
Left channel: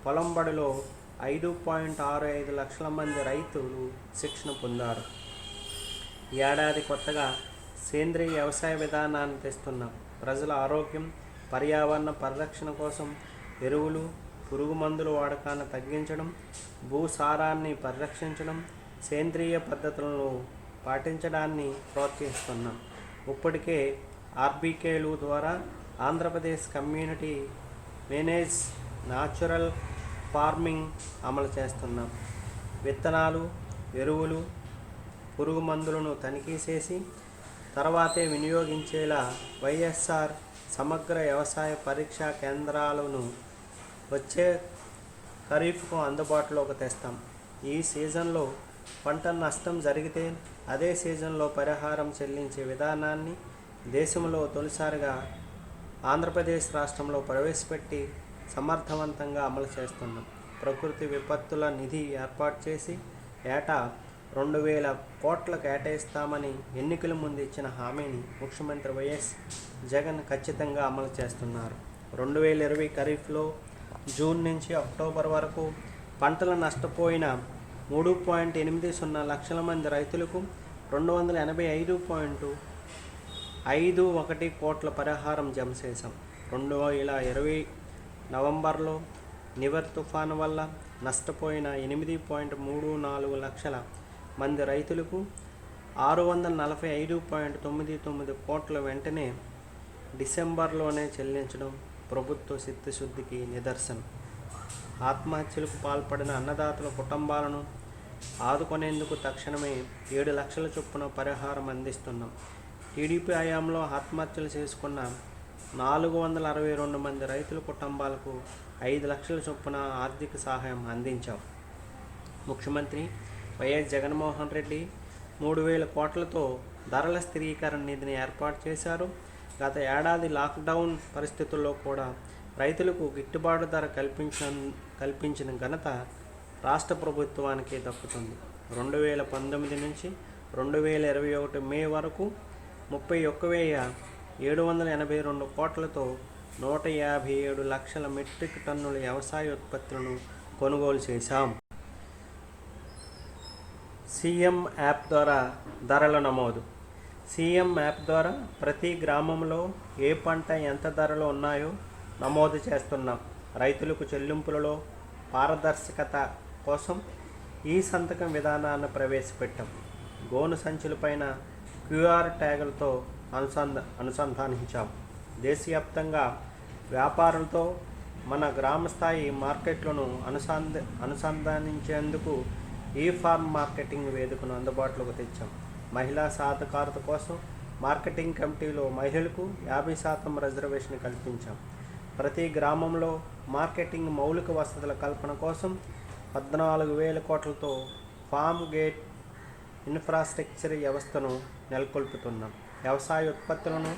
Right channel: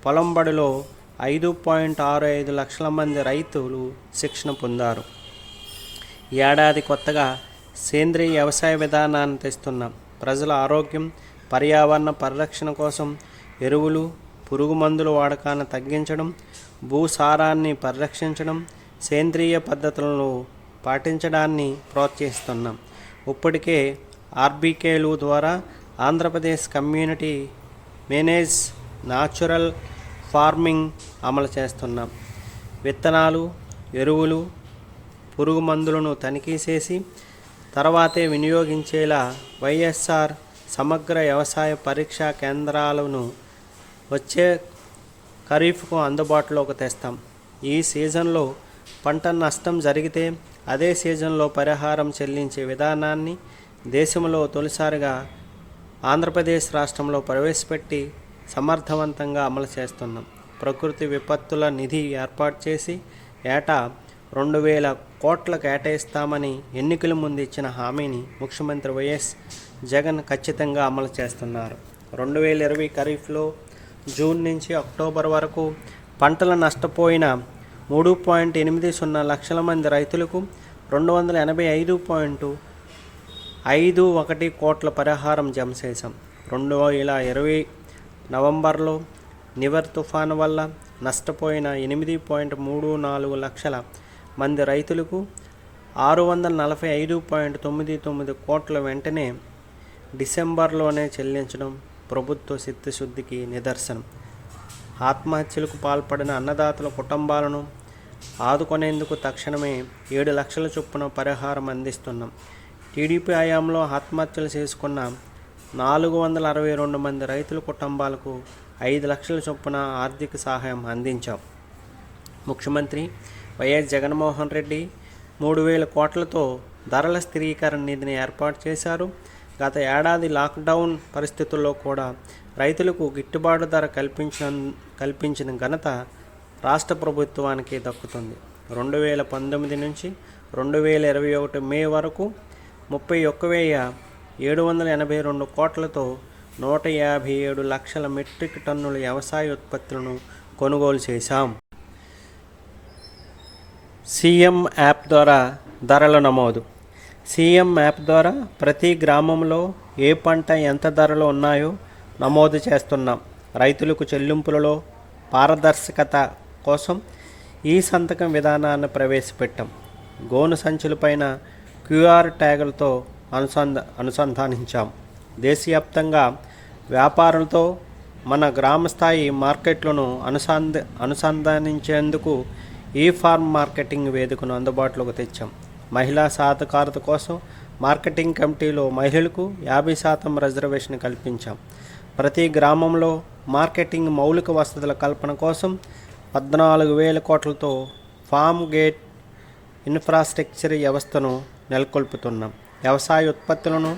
పొలంబడిలో 5.65 లక్షల మంది రైతులు శిక్షణ పొందారు. ఈ ఏడాది కొత్తగా సేంద్రీయ వ్యవసాయ విధానాన్ని తెస్తున్నాం. ప్రజల ఆరోగ్యం, పర్యావరణ పరిరక్షణ కోసం ఎరువులు, పురుగు మందుల వాడకాన్ని తగ్గించడం, భూసారాన్ని పరిరక్షించడం, సేంద్రియ పద్ధతులను పాటించడాన్ని ప్రోత్సహిస్తున్నాం. ఇప్పటికే ఆర్బీకేలు ద్వారా Andhra Pradesh community manage natural farming అమలు చేస్తున్నాం. విత్తనాలు, ఎరువులు, పురుగు మందులను తనిఖీ చేసి తర్వాతే వినియోగించేలా వైఎస్ఆర్ సమగ్ర వ్యవసాయ పరీక్షా కేంద్రాలను వచ్చే ఖరీఫ్కు అందుబాటులోకి తెస్తాం. ఈ సీజన్లో పంట నష్టం జరిగితే అదే సీజన్లో పరిహారం చెల్లించే విధానాన్ని దేశంలో తొలిసారిగా ఆంధ్రప్రదేశ్ రాష్ట్రంలో ప్రవేశపెట్టి సమర్థవంతంగా అమలు చేస్తున్నాం. ప్రకృతి విపత్తుల నిధి ఏర్పాటు చేసి ఏటా 2,000 కోట్లు కేటాయిస్తామని ఎన్నికల ముందు ఇచ్చిన హామీని ముఖ్యమంత్రి వైఎస్ జగన్ ఖచ్చితంగా అమలు చేస్తున్నారు. 2020 ఖరీఫ్లో జూన్ నుంచి అక్టోబర్ వరకు పంటలు నష్టపోయిన 3.80 లక్షల మంది రైతులకు 285.51 కోట్ల పరిహారం జమ చేశాం. 2020 నవంబర్లో నివర్ తుఫాను వల్ల నష్టపోయిన 8.34 లక్షల మంది రైతులకు 645.99 కోట్ల వెంటనే డిసెంబర్లోనే చెల్లించడం ప్రభుత్వ చిత్తశుద్ధికి నిదర్శనం. ఆత్మహత్యలకు పాల్పడిన అన్నదాతల కుటుంబాలను ఆదుకునేందుకు తక్షణమే 7 లక్షల చొప్పున పరిహారం అందిస్తున్నాం. టీడీపీ హయాంలో ఆత్మహత్యలు చేసుకున్న 462 మంది రైతుల కుటుంబాలకు 5 లక్షల చొప్పున ఆర్థిక సహాయం అందించాం. ముఖ్యమంత్రి వైఎస్ జగన్మోహన్ రెడ్డి 3,000 కోట్లతో ధరల స్థిరీకరణ నిధిని ఏర్పాటు చేశారు. గత ఏడాది లాక్డౌన్ పరిస్థితుల్లో కూడా రైతులకు గిట్టుబాటు ధర కల్పించిన ఘనత రాష్ట్ర ప్రభుత్వానికి దక్కుతుంది. 2019 నుంచి 2021 మే వరకు 31,782 కోట్లతో 157 లక్షల మెట్రిక్ టన్నుల వ్యవసాయ ఉత్పత్తులను కొనుగోలు చేశాం. సీఎం యాప్ ద్వారా ధరల నమోదు. సీఎం యాప్ ద్వారా ప్రతి గ్రామంలో ఏ పంట ఎంత ధరలు ఉన్నాయో నమోదు చేస్తున్నాం. రైతులకు చెల్లింపులలో పారదర్శకత కోసం ఈ సంతకం విధానాన్ని ప్రవేశపెట్టాం. గోను సంచులపైన క్యూఆర్ ట్యాగులతో అనుసంధానించాం. దేశవ్యాప్తంగా వ్యాపారులతో మన గ్రామ స్థాయి మార్కెట్లను అనుసంధానించేందుకు ఈ ఫార్మ్ మార్కెటింగ్ వేదికను అందుబాటులోకి తెచ్చాం. మహిళా సాధికారత కోసం మార్కెటింగ్ కమిటీలో మహిళలకు 50% రిజర్వేషన్ కల్పించాం. ప్రతి గ్రామంలో మార్కెటింగ్ మౌలిక వసతుల కల్పన కోసం 14,000 కోట్లతో ఫామ్ గేట్ ఇన్ఫ్రాస్ట్రక్చర్ వ్యవస్థను నెలకొల్పుతున్నాం. వ్యవసాయ ఉత్పత్తులను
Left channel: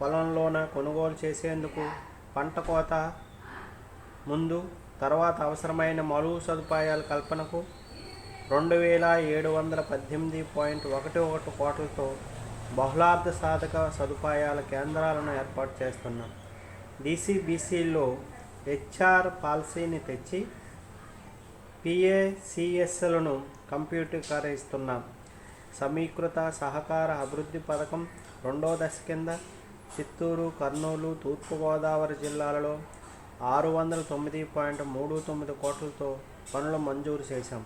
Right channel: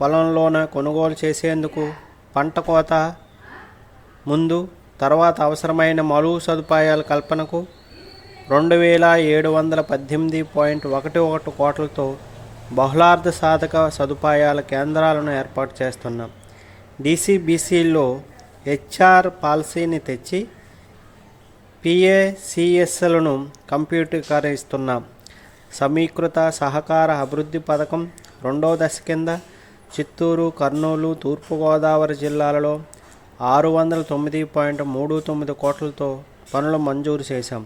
పొలంలోనే కొనుగోలు చేసేందుకు పంట కోత ముందు తర్వాత అవసరమైన మౌలిక సదుపాయాల కల్పనకు 2,718.11 కోట్లతో బహుళార్థ సాధక సదుపాయాల కేంద్రాలను ఏర్పాటు చేస్తున్నాం. డీసీబీసీలో హెచ్ఆర్ పాలసీని తెచ్చి పిఏసిఎస్లను కంప్యూటరీకరిస్తున్నాం. సమీకృత సహకార అభివృద్ధి పథకం 2వ దశ కింద చిత్తూరు, కర్నూలు, తూర్పుగోదావరి జిల్లాలలో 609.39 కోట్లతో పనులు మంజూరు చేశాం.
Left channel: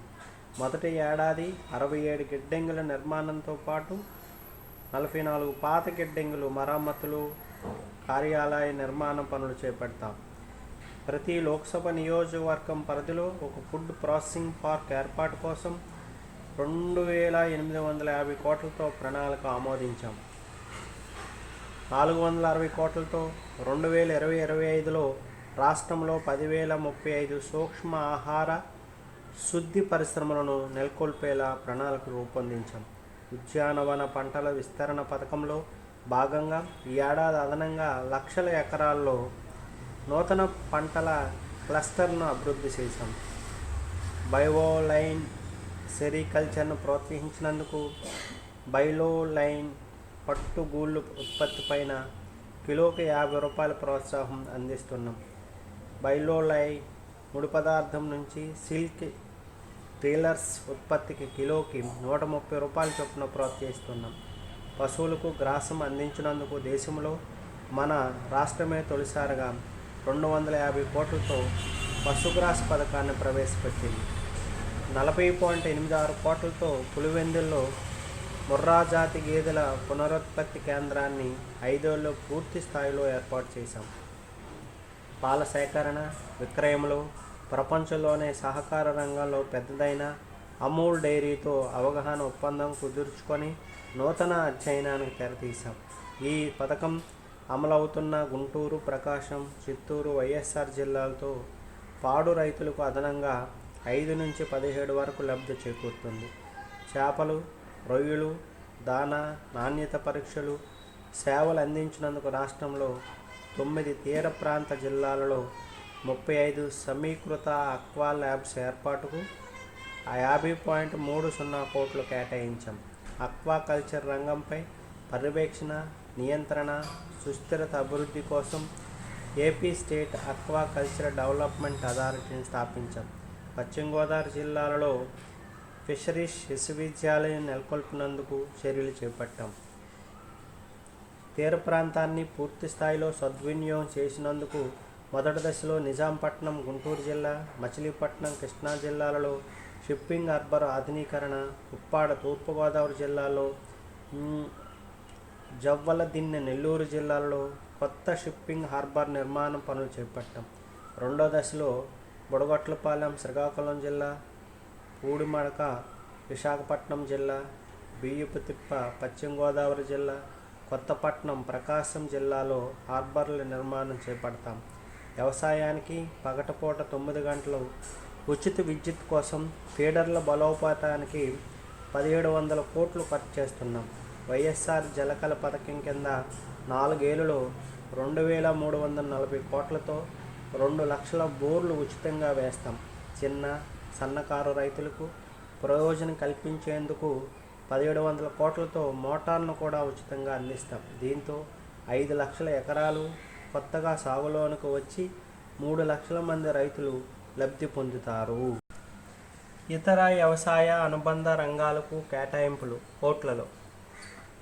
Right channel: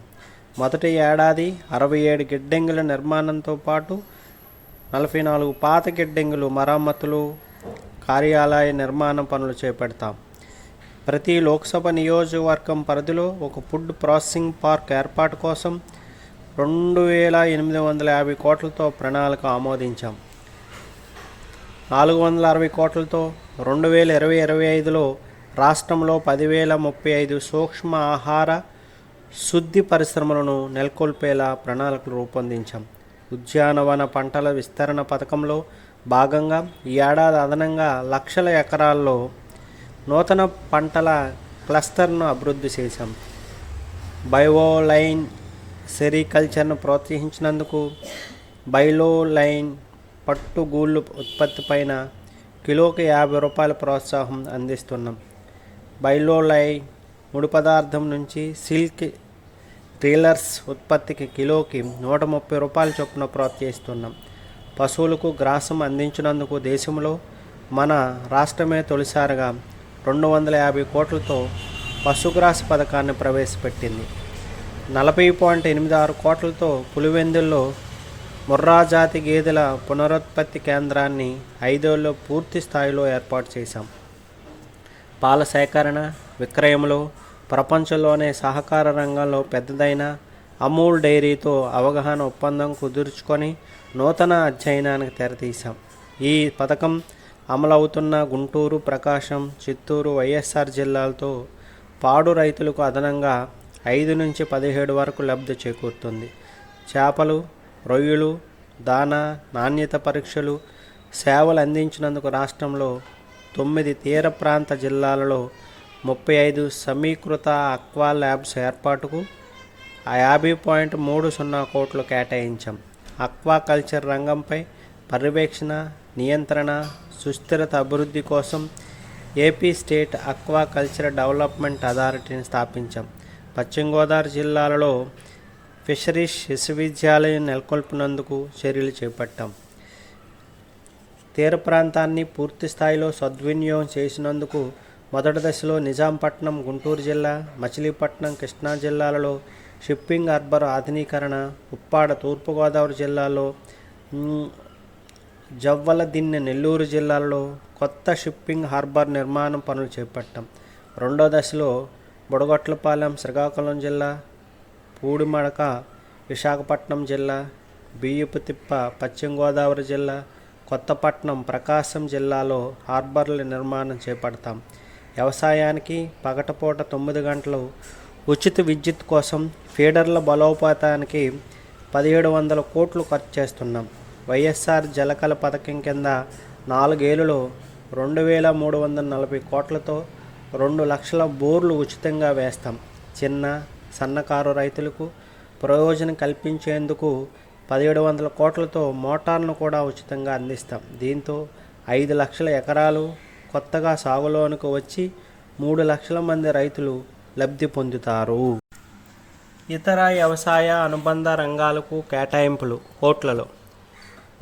మొదటి ఏడాది 67 గిడ్డంగుల నిర్మాణంతో పాటు 44 పాత గిడ్డంగులు మరమ్మతులు, కార్యాలయ నిర్మాణ పనులు చేపడతాం. ప్రతి లోక్సభ నియోజకవర్గం పరిధిలో ఒక ఫుడ్ ప్రాసెసింగ్ పార్క్ ఏర్పాటు కోసం 2,850 కోట్లతో ప్రణాళిక ఆమోదించాం. 460 కోట్లతో 2020-25లో రాష్ట్రంలో 10,035 సూక్ష్మ ఆహార శుద్ధి పరిశ్రమలను నెలకొల్పేలా ప్రణాళికలు రూపొందించాం. ఉద్యానవన పంటల విస్తరణ పథకంలో భాగంగా ఈ ఏడాది అదనంగా లక్షల ఎకరాల్లో నూతన పంటల క్లస్టర్ను అభివృద్ధి చేశాం. బయోలైన్ సెరికల్చర్ను ప్రోత్సహించినందుకు బయోలైన్ పట్టుగూళ్ళు ఉత్పత్తిపైన కిలోకి ₹50 ప్రోత్సాహం అందిస్తున్నాం. బయోలైన్ ముడి పదార్థం నుంచి సిల్క్ ట్రీలర్స్ ఉత్పత్తికి కిలోకి ₹130 చొప్పున ప్రోత్సహిస్తున్నాం. పశువులకు గ్రాసం అందించినందుకు దేశంలో మన రాష్ట్రమే తొలిసారిగా 250 కోట్లతో పశుగ్రాస పథకాన్ని ప్రవేశపెట్టింది. 40.86 కోట్లతో పులివెందుల్లో ముర్రా జాతి గేదెల పునరుత్పత్తి కేంద్రాన్ని 5 ఏళ్లలో పూర్తి స్థాయిలో ఏర్పాటు చేశాం. పాల సేకరణ, విక్రయంలో ప్రపంచంలోనే సహకార రంగంలో పెద్దదైన అమూల్ డైరీతో అవగాహన ఒప్పందం కుదుర్చుకొని నూతన అధ్యయనానికి తెరతీశాం. ఈ పథకం అమలవుతున్న గుంటూరు, ప్రకాశం, చిత్తూరు, వైఎస్ఆర్ జిల్లాలతో పాడు రైతులకు అదనంగా 5 నుంచి 17 వరకు లబ్ధి చేకూరుతుంది. చేపలు, రొయ్యలు, దానా, నాణ్యత పరీక్షలు, సేవలు అందించినందుకు రాష్ట్రంలో 9 తీర ప్రాంత జిల్లాలలో 35 సమీకృత ఆక్వా ల్యాబ్స్ ఏర్పాటుకు 50.30 కోట్లు కేటాయించాం. ఆక్వాకల్చర్ రంగంపై పర్యవేక్షణ, నియంత్రణ, సుస్థిరత అభివృద్ధి కోసం ఏపీ స్టేట్ ఆక్వాకల్చర్ డెవలప్మెంట్ అథారిటీని స్థాపించాం. పశ్చిమ గోదావరి జిల్లాలలో ఫిషరీస్ విశ్వవిద్యాలయం నెలకొల్పినందుకు చర్యలు చేపట్టాం. తీర ప్రాంతాన్ని పూర్తి స్థాయిలో సద్వినియోగం చేసినందుకు మొదటి దశలో నిజాంపట్నం, గుంటూరు జిల్లా, మచిలీపట్నం, కృష్ణా జిల్లాలలో షిప్పింగ్ హార్బర్ ఆధునీకరణ, ఉప్పాడ తూర్పుగోదావరి జిల్లాలో, జవ్వలదిన్నె నెల్లూరు జిల్లాలలో కొత్త షిప్పింగ్ హార్బర్ నిర్మాణం పనులు చేపట్టాం. రెండో దశలో బుడగొట్లపాలెం శ్రీకాకుళం జిల్లా, పూడిమడక విశాఖపట్నం జిల్లా, బియ్యపుతిప్ప పశ్చిమ గోదావరి జిల్లా, కొత్తపట్నం ప్రకాశం జిల్లాలో హార్బర్ల నిర్మాణం చేపడతాం. వ్యవసాయానికి పగటిపూట 9 గంటలు ఉచిత విద్యుత్ కోసం ఫీడర్ల బలోపేతానికి 1700 కోట్లు ఖర్చు చేస్తున్నాం. వైఎస్ఆర్ జలకళ పథకం కింద 4 ఏళ్లలో 2340 కోట్లతో 2 లక్షల బోర్లు ఉచితంగా వేస్తాం. చిన్న, సన్నకారు రైతులకు ప్రయోజనం కల్పించేందుకు 1700 కోట్లతో మోటార్ను కూడా ఉచితంగా అందిస్తాం. దీంతో 5 లక్షల ఎకరాలు కొత్తగా సాగులోనికి వచ్చి 3 లక్షల మంది రైతులు లబ్ధి పొందుతారు. ఇతర వ్యవసాయ అనుబంధ రంగాలకు కేటాయింపులు కోట్లలో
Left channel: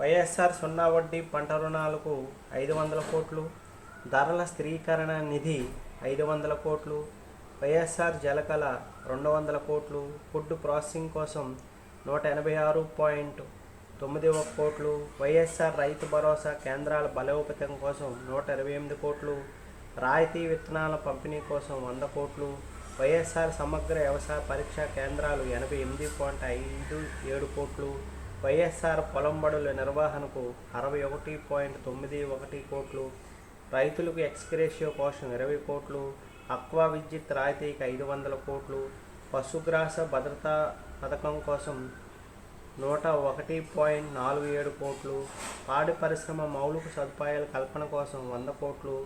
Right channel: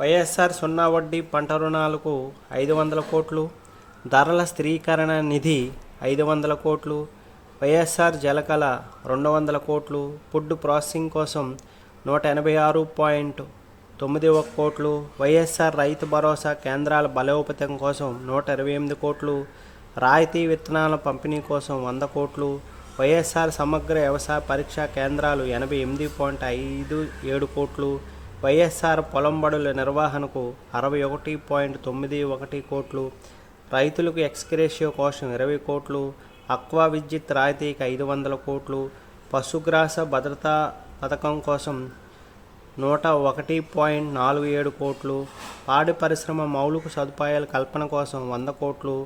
వైఎస్ఆర్ సున్నా వడ్డీ పంట రుణాలకు 500 కోట్లు, ధరల స్థిరీకరణ నిధి 500 కోట్లు, వైఎస్ఆర్ జలకళ 200 కోట్లు, ఫుడ్ ప్రాసెసింగ్ కోసం 186.91 కోట్లు, వైఎస్ఆర్ రైతు భరోసా కేంద్రాల బలోపేతం కోసం 128 కోట్లు, రాయితీ విత్తనాల పంపిణీ కోసం 100 కోట్లు, వైఎస్ఆర్ సమగ్ర వ్యవసాయ పరీక్షా కేంద్రాలు 88.57 కోట్లు, వైఎస్ఆర్ పొలం బడుల నిర్వహణకు 61.91 కోట్లు, రైతులకు ఎక్స్గ్రేషియో కోసం 20 కోట్లు, ఆక్వా విద్యుత్ రాయితీకి 500 కోట్లు, పశుగ్రాస భద్రతా పథకం కోసం 101.47 కోట్లు, పాడి పరిశ్రమ మౌలిక సదుపాయాల కల్పన కోసం 100 కోట్లు,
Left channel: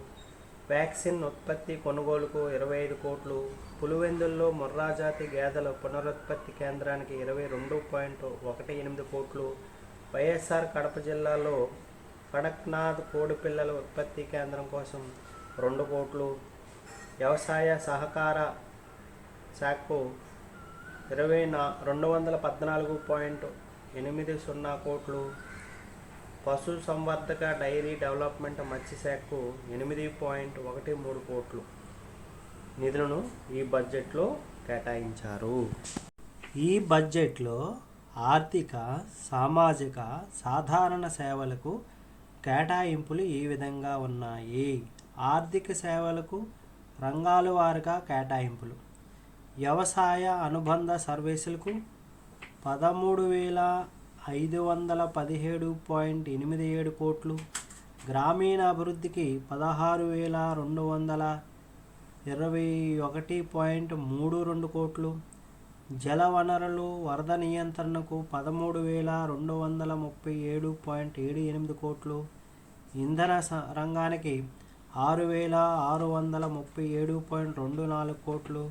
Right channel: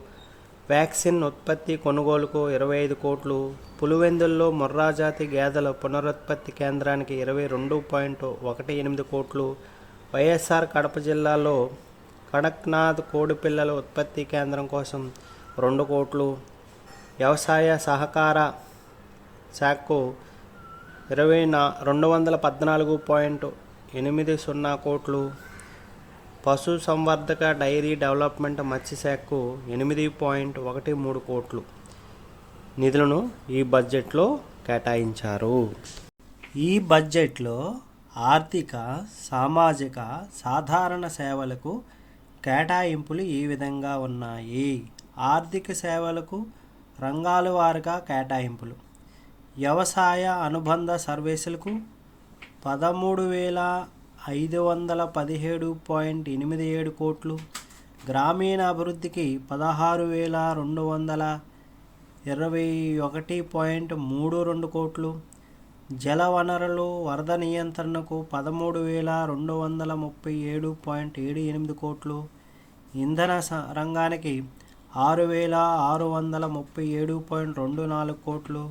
వ్యాక్సిన్ ఉత్పత్తి కొనుగోలుకు 25 కోట్లు, పులివెందుల్లో ముర్రా జాతి గేదెల పునరుత్పత్తి కేంద్రానికి 22.18 కోట్లు, వైఎస్ఆర్ కడప జిల్లాలో కడక్నాథ్ కోడిపిల్లల ఉత్పత్తి కేంద్రం కోసం 2 కోట్లు, వ్యవసాయ సహకార శాఖకు 214.80 కోట్లు, పశు సంవర్ధక డైరీ డెవలప్మెంట్ మత్స్యశాఖకు 8.13 కోట్లు నిధులను ఈ బడ్జెట్లో కేటాయించారు. ఈ బడ్జెట్లో ఆర్థిక, సామాజిక, సాధారణ సేవలకు కేటాయింపులు ఈ విధంగా ఉన్నాయి. ఆర్థిక సేవలకు రంగాల వారీగా కేటాయింపులు: వ్యవసాయ అనుబంధ సర్వీసులకు 13,517.87 కోట్లు, గ్రామీణ అభివృద్ధికి 16,200 21.32 కోట్లు, జల వనరులు వరద నియంత్రణకు 13,237.78 కోట్లు, ఇంధన రంగానికి 6,637.24 కోట్లు,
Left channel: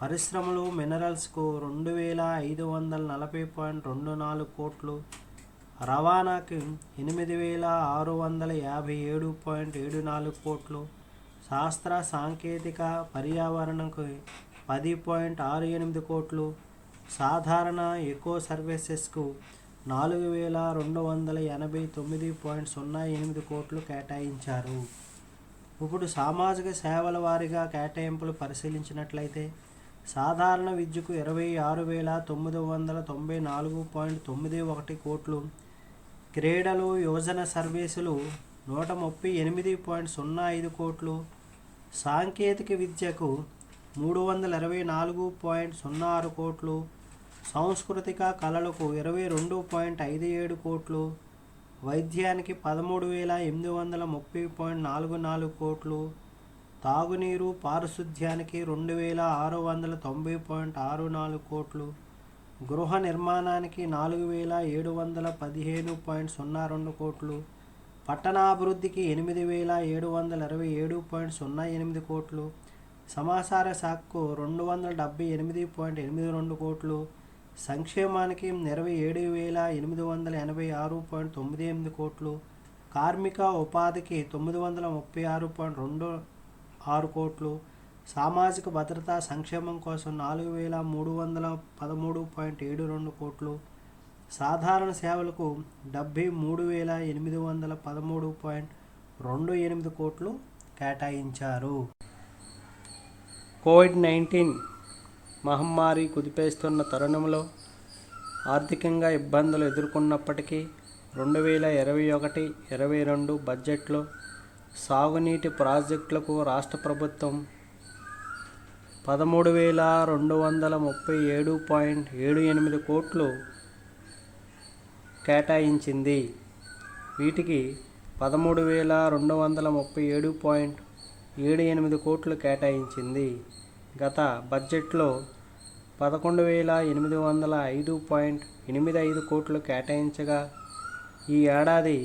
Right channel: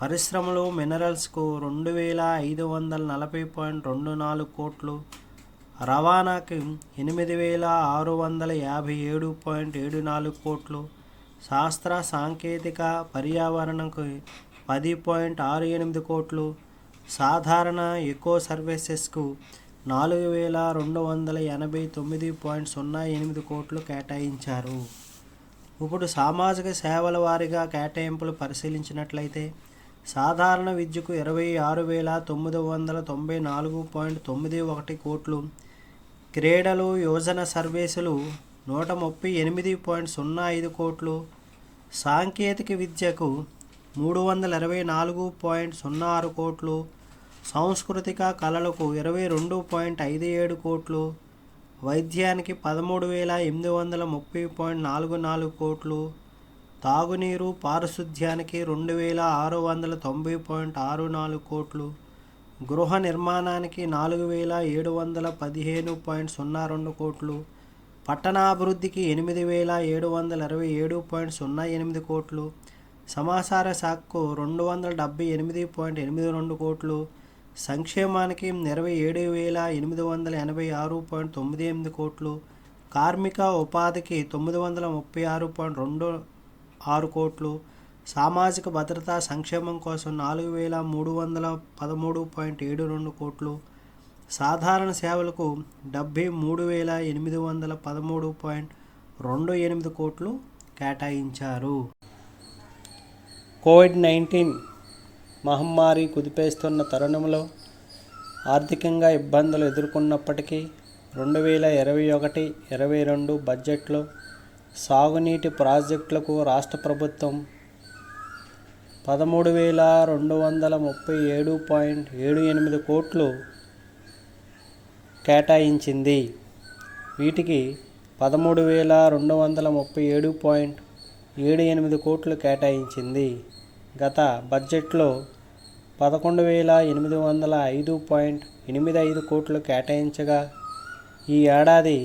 పరిశ్రమలు మినరల్స్కు 2,540.24 కోట్లు, రవాణాకి 8,657.74 కోట్లు, శాస్త్ర సాంకేతిక పర్యావరణకు 10.68 కోట్లు, సాధారణ ఎకో సర్వీసెస్కు 4,289.08 కోట్లు కేటాయించారు. ఇప్పుడు సామాజిక సేవల వారీగా కేటాయింపులు పరిశీలించినట్లయితే సాధారణ విద్యకు 26,994.91 కోట్లు, క్రీడలు యువజన సర్వీసులు 138.05 కోట్లు, సాంకేతిక విద్యకు 324.06 కోట్లు, సాంస్కృతిక కళలకు 22.57 కోట్లు, వైద్యానికి 13,830.44 కోట్లు, తాగునీరు పారిశుద్ధ్యానికి 2,690.64 కోట్లు, గృహ నిర్మాణానికి 4,715.02 కోట్లు, పట్టణాభివృద్ధికి 8,727.08 కోట్లు, సమాచార శాఖకు 278.82 కోట్లు, సంక్షేమానికి 27,886.98 కోట్లు, కార్మిక ఉపాధికి 936.26 కోట్లు, సామాజిక భద్రతా సంక్షేమం కోసం 4,313.72 కోట్లు, సాధారణ సేవలకు 73,813.28 కోట్లు కేటాయించారు. కోవిడ్-19 మహమ్మారి కుదిపేస్తున్న తరుణంలో ఆర్థికంగా ఇబ్బందులు ఎదుర్కొన్నప్పటికీ 2021-22 బడ్జెట్లో సాగునీటి ప్రాజెక్టులకు రాష్ట్ర ప్రభుత్వం 13,237.78 కోట్లు కేటాయించింది. వీటికి 13,237.78 కోట్లు కేటాయించింది. గత బడ్జెట్లో 11,805.85 కోట్లు కేటాయించగా ఈ ఏడాది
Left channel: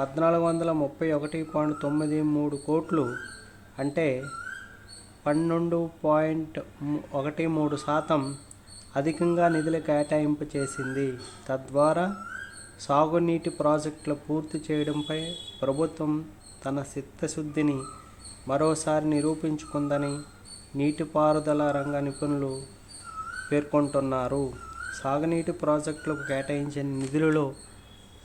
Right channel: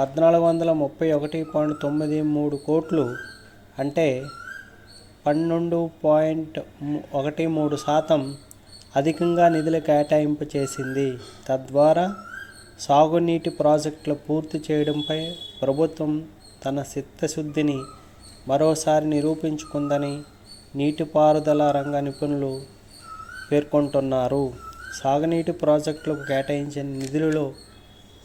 1,431.93 కోట్లు అంటే 12.13% అధికంగా నిధులు కేటాయింపు చేసింది. తద్వారా సాగునీటి ప్రాజెక్టులు పూర్తి చేయడంపై ప్రభుత్వం తన చిత్తశుద్ధిని మరోసారి నిరూపించుకుందని నీటిపారుదల రంగ నిపుణులు పేర్కొంటున్నారు. సాగునీటి ప్రాజెక్టులకు కేటాయించిన నిధులలో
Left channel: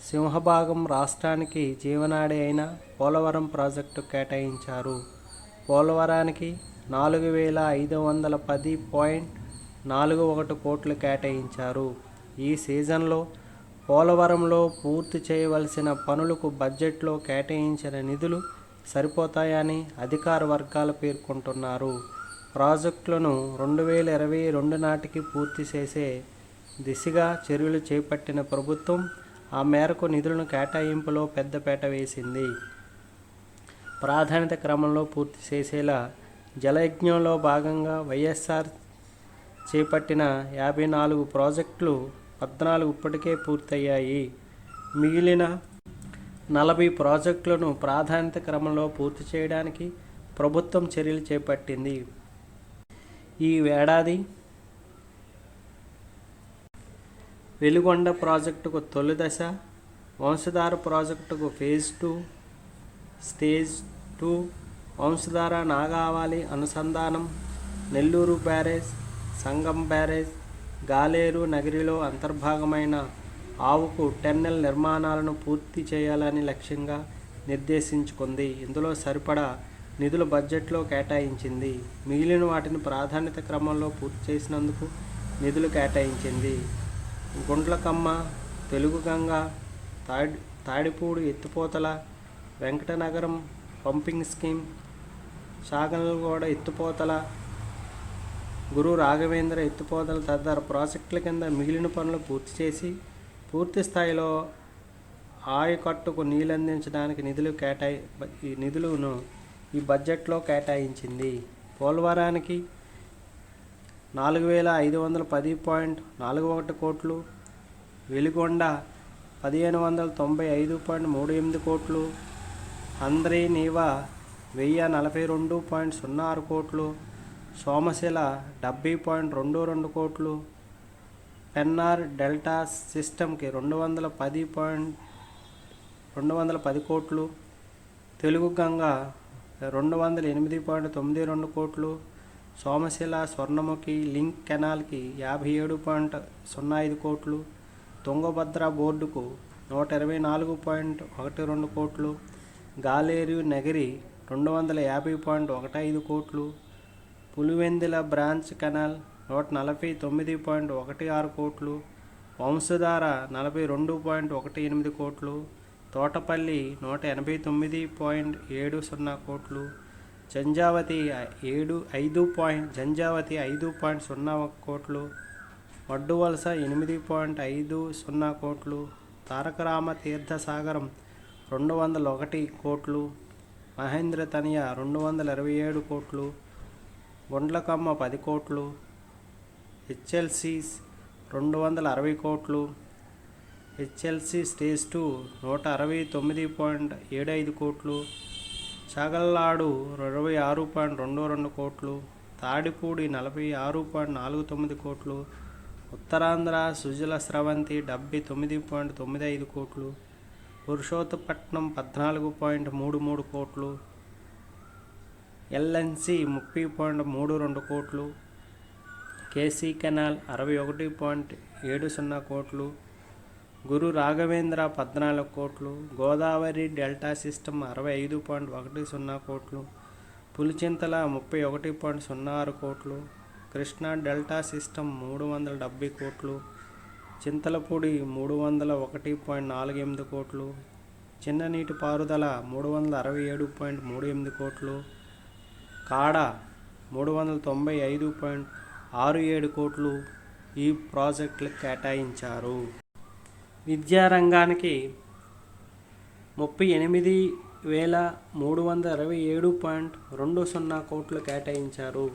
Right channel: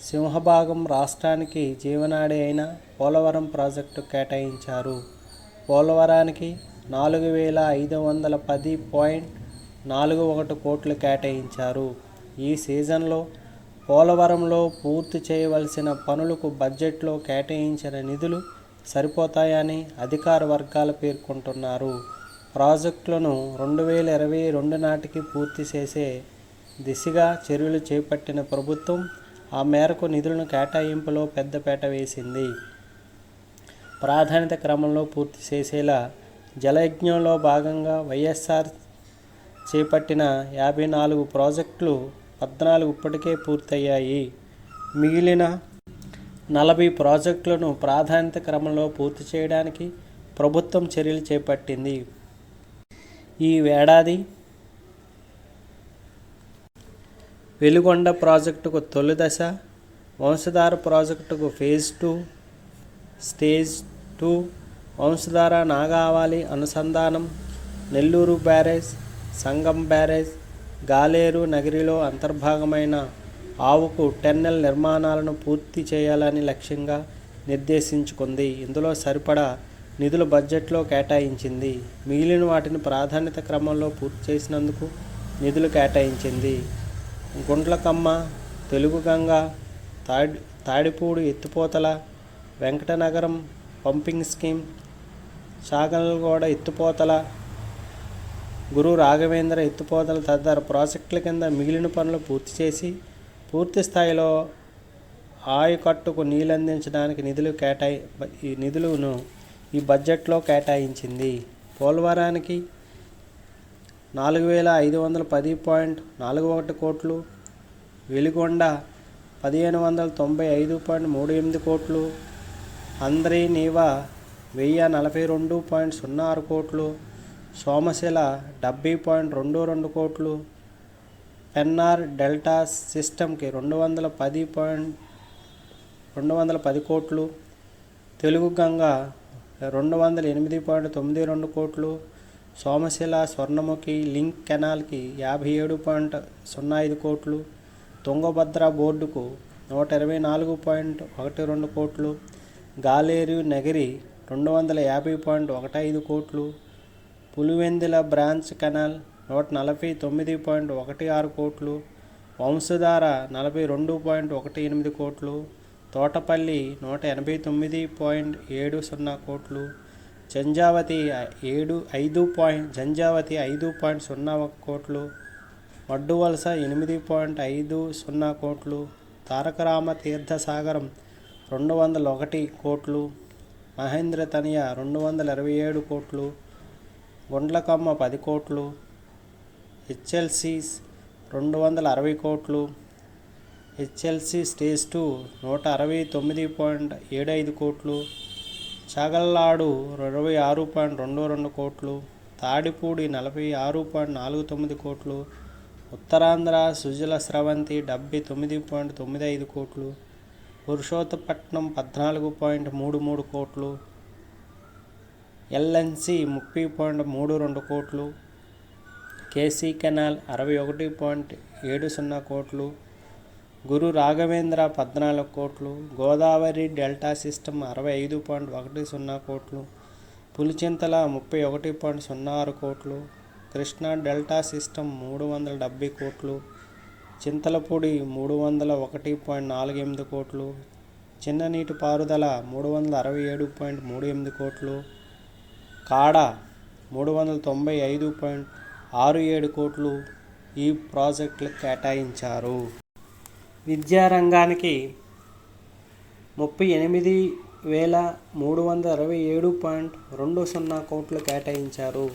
సింహభాగం రాష్ట్రానికి జీవనాడి అయిన పోలవరం ప్రాజెక్టు కేటాయించారు. పోలవరానికి 4,510.41 కోట్లు కేటాయించారు. ఈ సీజన్లో పోలవరంలో పూర్తి చేయవలసిన పనులకు బడ్జెట్లో కేటాయించిన నిధులు సరిపోతాయని అధికార వర్గాలు పేర్కొంటున్నారు. ప్రాజెక్టులను 2022 నాటికి పూర్తి చేసే దిశగా చర్యలు చేపట్టిన ప్రభుత్వం ఆ మేరకు నిధులను కేటాయింపులో పెద్దపీట వేసింది. ప్రాధాన్యత క్రమంలో పూర్తి చేసేలా జలయజ్ఞంలో భాగంగా వైఎస్ఆర్ చేపట్టిన 54 ప్రాజెక్టులు 14 ఇప్పటికే పూర్తయ్యాయి. మిగిలిన 40 ప్రాజెక్టులను ప్రాధాన్యత క్రమంలో పూర్తి చేయడానికి ప్రభుత్వం చర్యలు చేపట్టింది. ఈ ఏడాది వెలుగొండ ప్రాజెక్టుకు తొలి దశ, వంశధార ప్రాజెక్టుకు ఫేజ్ 2, స్టేజ్ 2, వంశధార నాగావళి అనుసంధానం, నెల్లూరు బ్యారేజ్, సంగం బ్యారేజ్, గాలేరు నగరిలో అంతర్భాగమైన ఆవుకు టన్నెల్ నిర్మాణాలను పూర్తి చేయాలని లక్ష్యంగా నిర్దేశించుకుంది. ఇందులో సరిపడా నిధులు బడ్జెట్లో కేటాయించింది. మిగిలిన వాటిని ప్రాధాన్యత క్రమంలో పూర్తి చేసినందుకు నిధులు కేటాయించింది. గుండ్లకమ్మ, తెలుగుగంగ, తాడిపూడి ఎత్తిపోతల, వెంకటనగరం పంపింగ్ స్కీమ్, సాగల్గూడ ఎత్తిపోతల, గురు రాఘవేంద్ర ఎత్తిపోతల తదితర ప్రాజెక్టుల కింద మిగిలిన పనులు పూర్తి చేసి పూర్తి స్థాయిలో ఆయకట్టుకు నీళ్లందించడానికి నిధులను ఈ బడ్జెట్లో కేటాయించింది. పోలవరానికి 4510.41 కోట్లు, వెలిగొండ 1595.38 కోట్లు, హంద్రీనీవా 1042.06 కోట్లు, సోమశిల 70.22 కోట్లు, పెన్నార్ డెల్టా సిస్టమ్కి 210 కోట్లు, తెలుగు గంగ 208.92 కోట్లు, సోమశిల స్వర్ణముఖి లింక్ కెనాల్కి 57.05 కోట్లు, తుంగభద్ర బోర్డుకు 124.12 కోట్లు, గాలేరు నగిరి 250.15 కోట్లు, పులివెందుల బ్రాంచ్ కెనాల్ 149.16 కోట్లు, వంశధార 42.18 కోట్లు, తోటపల్లి 189.70 కోట్లు, జంజావతి 5.01 కోట్లు, వడ్డువలస 8.50 కోట్లు, తారకరామ తీర్థసాగరం 201 కోట్లు, మహేంద్ర తనయ 227 కోట్లు, గుండ్లకమ్మ 10 కోట్లు, హెచ్ఎల్సీస్ 260 కోట్లు, హెచ్ఎల్సీ స్టేజ్ 2 169.75 కోట్లు, చాగల్లాడు 26.22 కోట్లు, తాడిపూడి 46.49 కోట్లు, ఉత్తరాంధ్ర సుజల స్రవంతి 79.95 కోట్లు, పురుషోత్తపట్నం 14.33 కోట్లు, ఎల్ఎన్సి 30.32 కోట్లు, కేసీ కెనాల్ 61.70 కోట్లు, గురు రాఘవేంద్ర 14 కోట్లు, గోదావరి డెల్టా సిస్టమ్ 65.10 కోట్లు, పులిచింతల 31.06 కోట్లు, కృష్ణా డెల్టా సిస్టమ్ 370 కోట్లు, చింతలపూడి 301.48 కోట్లు, చిన్న నీటిపారుదల 367.38 కోట్లు, కాడ 395.67 కోట్లు ఈ ప్రాజెక్టులకు కేటాయించారు. విద్యారంగానికి 38,327.20 కోట్లు కేటాయించారు.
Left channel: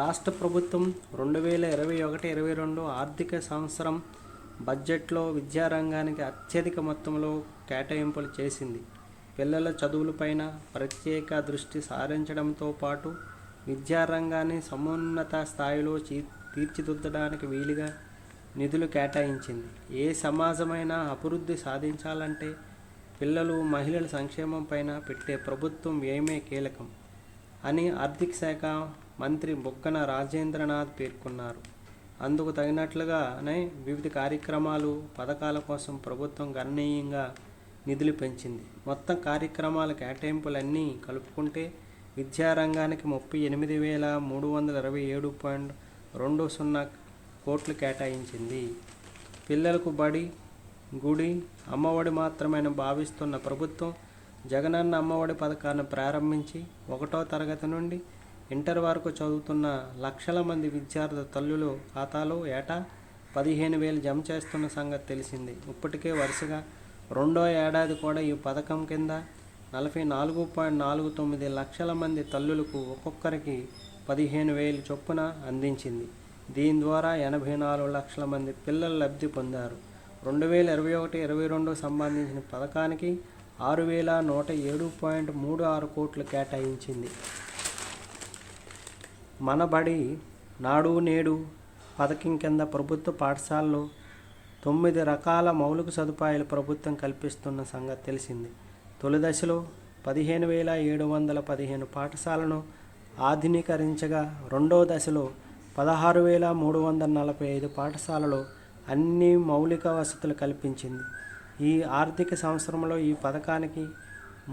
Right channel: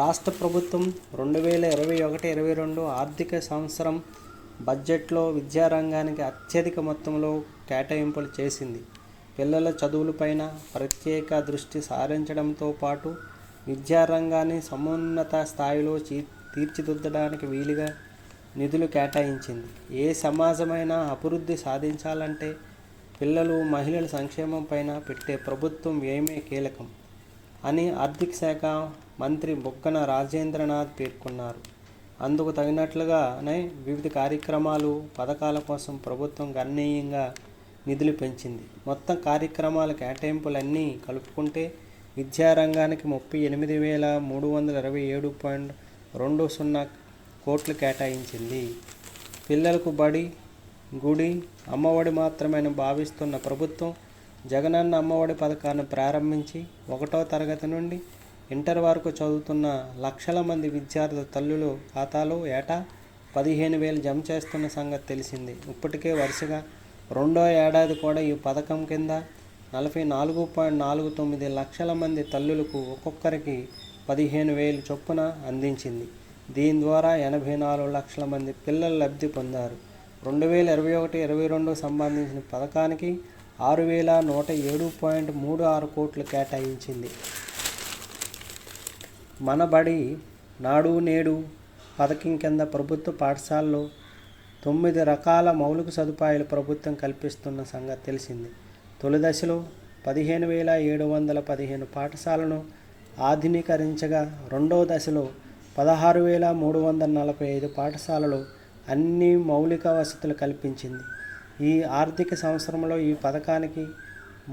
రాష్ట్ర ప్రభుత్వం 2021-22 ఆర్థిక సంవత్సరం బడ్జెట్లో విద్యారంగానికి అత్యధిక మొత్తంలో కేటాయింపులు చేసింది. పిల్లల చదువులపైన ప్రత్యేక దృష్టి సారించడంతో పాటు విద్యారంగాన్ని సమున్నత స్థాయిలో తీర్చిదిద్దడానికి వీలుగా నిధులు కేటాయించింది. ఏ సమాజమైనా అభివృద్ధి సాధించాలంటే పిల్లలు, మహిళల సంక్షేమం పైన పెట్టే ప్రభుత్వం వ్యయమే కీలకం అని ఆర్థిక శాఖ మంత్రి బుగ్గన రాజేంద్రనాథ్ పేర్కొన్నారు. అందుకు తగినట్లుగానే వివిధ కార్యక్రమాలు, పథకాల కోసం ప్రభుత్వం గణనీయంగా నిధులు పెంచింది. మొత్తం కార్యక్రమాల కేటాయింపులన్నీ కలుపుకుంటే విద్యారంగానికి 38,327.20 కోట్లు కేటాయించింది. పిల్లలకు బడి, గుడి, అమ్మఒడి మాత్రమే భావిస్తున్న ప్రభుత్వం జగనన్న అమ్మఒడి పథకాన్ని ప్రారంభించి 1వ తరగతి నుండి ఇంటర్ వరకు చదువుతున్న లక్షల మంది విద్యార్థుల తల్లుల ఖాతాలో ఏటా 15,000 జమ చేస్తున్న సంగతి తెలిసిందే. ఇప్పటికే వరుసగా 2వ ఏడాది కూడా ఈ పథకం కింద 44.49 లక్షల మంది తల్లులకు ఒక్కొక్కరికి 15,000 చొప్పున అందించింది. దీని ద్వారా 84 లక్షల మంది పిల్లలు లబ్ధి పొందారు. 2021-22 సంబంధించిన పథకానికి 6,107.36 కోట్లు కేటాయించింది. మన బడి నాడు నేడు పథకం కింద ప్రభుత్వ పాఠశాలలో 9 రకాల మౌలిక సదుపాయాలు ప్రభుత్వం కల్పిస్తున్న సంగతి తెలిసింది. తొలి దశలో 15,715 పాఠశాలను ఆధునీకరించగా, రెండవ దశలో 16,345 పాఠశాలలు అన్ని మౌలిక వసతులు కల్పించింది. ఈ ఆర్థిక సంవత్సరంలో ఈ పథకానికి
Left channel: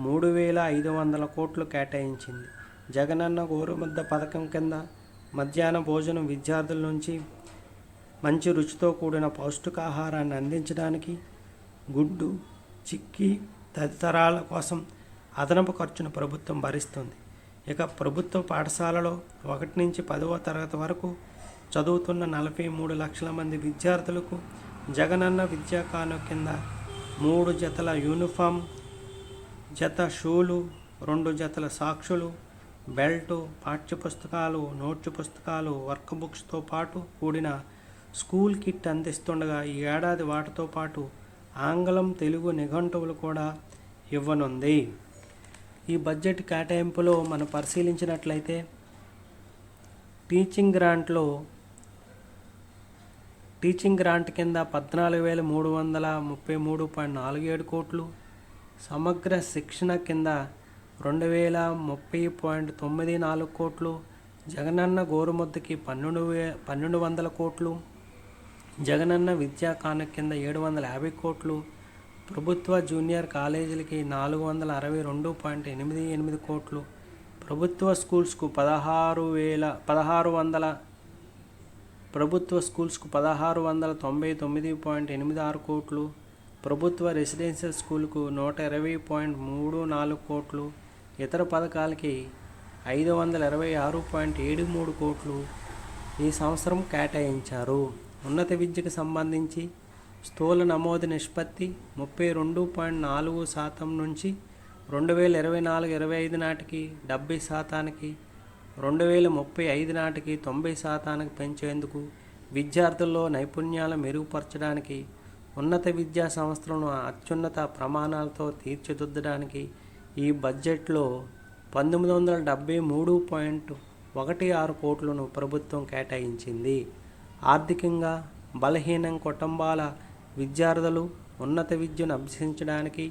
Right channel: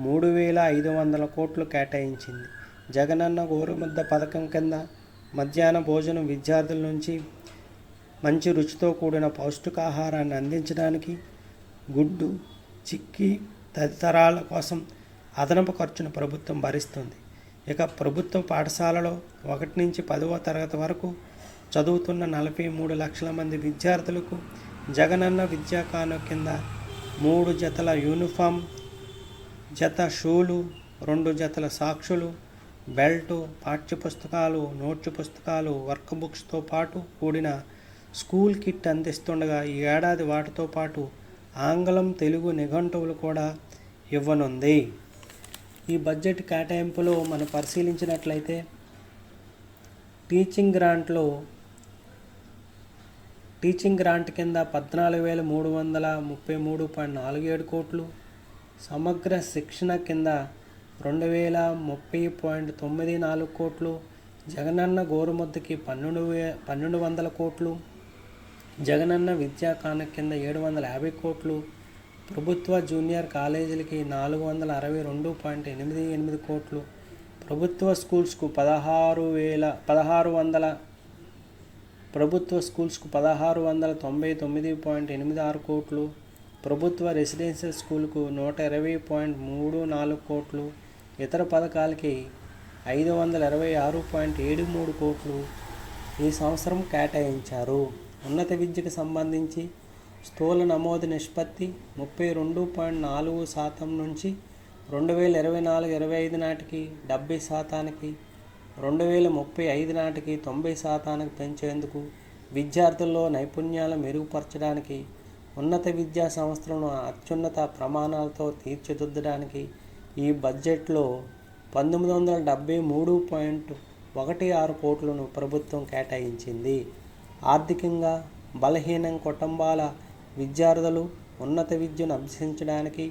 3,500 కోట్లు కేటాయించింది. జగనన్న గోరుముద్ద పథకం కింద మధ్యాహ్న భోజనం విద్యార్థుల నుంచి మంచి రుచితో కూడిన పౌష్టికాహారాన్ని అందించడానికి గుడ్డు, చిక్కీ తదితరాల కోసం అదనపు ఖర్చును ప్రభుత్వం భరిస్తుంది. ఇక ప్రభుత్వ పాఠశాలలో 1 నుంచి 10వ తరగతి వరకు చదువుతున్న 43 లక్షల మంది విద్యార్థులకు జగనన్న విద్యా కానుక కింద 3 జతల యూనిఫామ్, జత షూలు, 2 జతల సాక్సులు, బెల్టు, పాఠ్యపుస్తకాలు, నోట్స్ పుస్తకాలు, వర్క్ బుక్స్తో పాటు కూడిన స్కూల్ కిట్ అందిస్తుండగా ఈ ఏడాది వాటితో పాటు ఆంగ్లం, తెలుగు నిఘంటువులు కూడా ఇవ్వనుంది. ఈ బడ్జెట్ కేటాయింపులో మనం పరిశీలించినట్లయితే టీచింగ్ గ్రాంట్ కింద 14,333.47 కోట్లు, సమగ్ర శిక్షణ కింద 2,030.94 కోట్లు, జగనన్న గోరుముద్దకి 1,200 కోట్లు, జగనన్న విద్యా కానుక కింద 750 కోట్లు, ప్రభుత్వ జూనియర్ కాలేజీలకి 462.88 కోట్లు, ప్రభుత్వ స్కూల్స్కు 1699.86 కోట్లు, ప్రభుత్వ రెసిడెన్షియల్ స్కూల్కు 120.34 కోట్లు, ఇతర పథకాలకి 526.73 కోట్లు ఈ సంవత్సరం కేటాయించారు. ఉన్నత విద్యకు సంబంధించి స్థూల నమోదు నిష్పత్తి 32.4% నుంచి 2024-25 నాటికి 70%, 2035 నాటికి 90% పెంచేందుకు, విద్యార్థుల్లో నైపుణ్యాలు మెరుగుపరచడానికి, ఉన్నత విద్యా సంస్థలను అత్యున్నత ప్రమాణాలతో తీర్చిదిద్దడానికి ఈ బడ్జెట్లో 1973.16 కోట్లను ప్రభుత్వం కేటాయించింది. ఆర్థికంగా బలహీన కుటుంబాల విద్యార్థులు ఉన్నత విద్యను అభ్యసించడానికి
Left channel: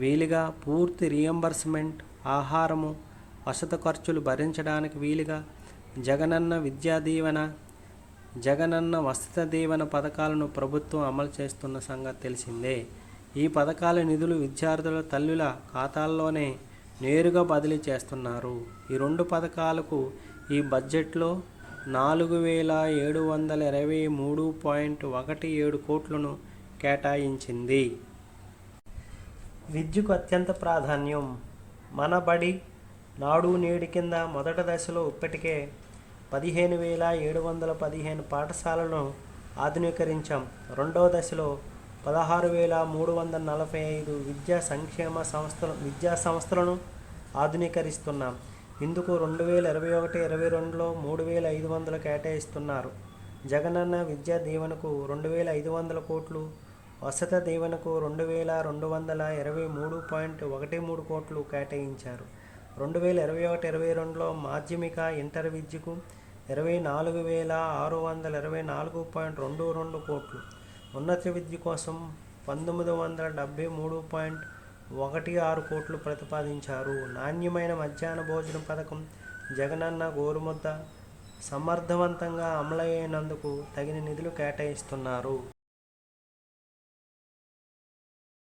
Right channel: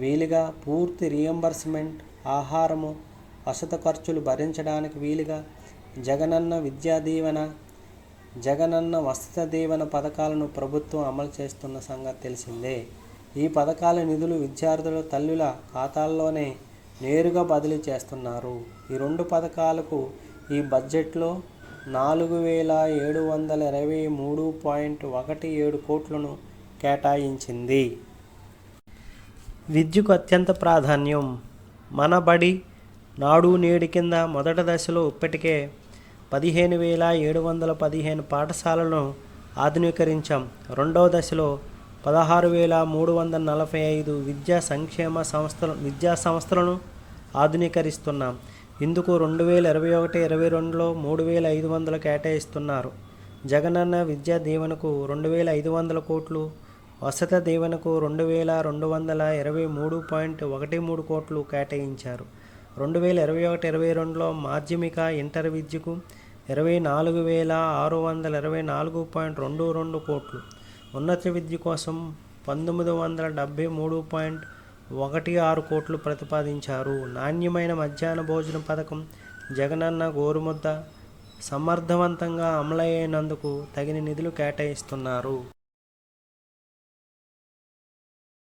వీలుగా పూర్తి రియంబర్స్మెంట్, ఆహారము, వసతి ఖర్చులు భరించడానికి వీలుగా జగనన్న విద్యా దీవెన, జగనన్న వసతి దీవెన పథకాలను ప్రభుత్వం అమలు చేస్తున్న సంగతి తెలిసిందే. ఈ పథకాల నిధులు విద్యార్థుల తల్లుల ఖాతాల్లోనే నేరుగా బదిలీ చేస్తున్నారు. ఈ రెండు పథకాలకు ఈ బడ్జెట్లో 4,723.17 కోట్లను కేటాయించింది. విద్యకు అత్యంత ప్రాధాన్యం. మన బడి నాడు నేడు కింద మొదటి దశలో ఇప్పటికే 15,715 పాఠశాలలను ఆధునీకరించాం. రెండవ దశలో 16,345 విద్యా సంస్థలను ఆధునీకరిస్తున్నాం. ఇందుకు 2021-22లో 3,500 కేటాయిస్తున్నారు. జగనన్న విద్యా దీవెనకు 2,500 కోట్లు, వసతి దీవెనకు 2,223.13 కోట్లు కేటాయించారు. 2021-22లో మాధ్యమిక, ఇంటర్ విద్యకు 24,624.22 కోట్లు, ఉన్నత విద్య కోసం 1,973.16 కోట్లు ప్రతిపాదించారు. నాణ్యమైన మధ్యాహ్న భోజన పథకం, జగనన్న గోరుముద్ద సమర్థవంతంగా అమలయ్యేందుకు తగిన నిధులు కేటాయిస్తున్నారు.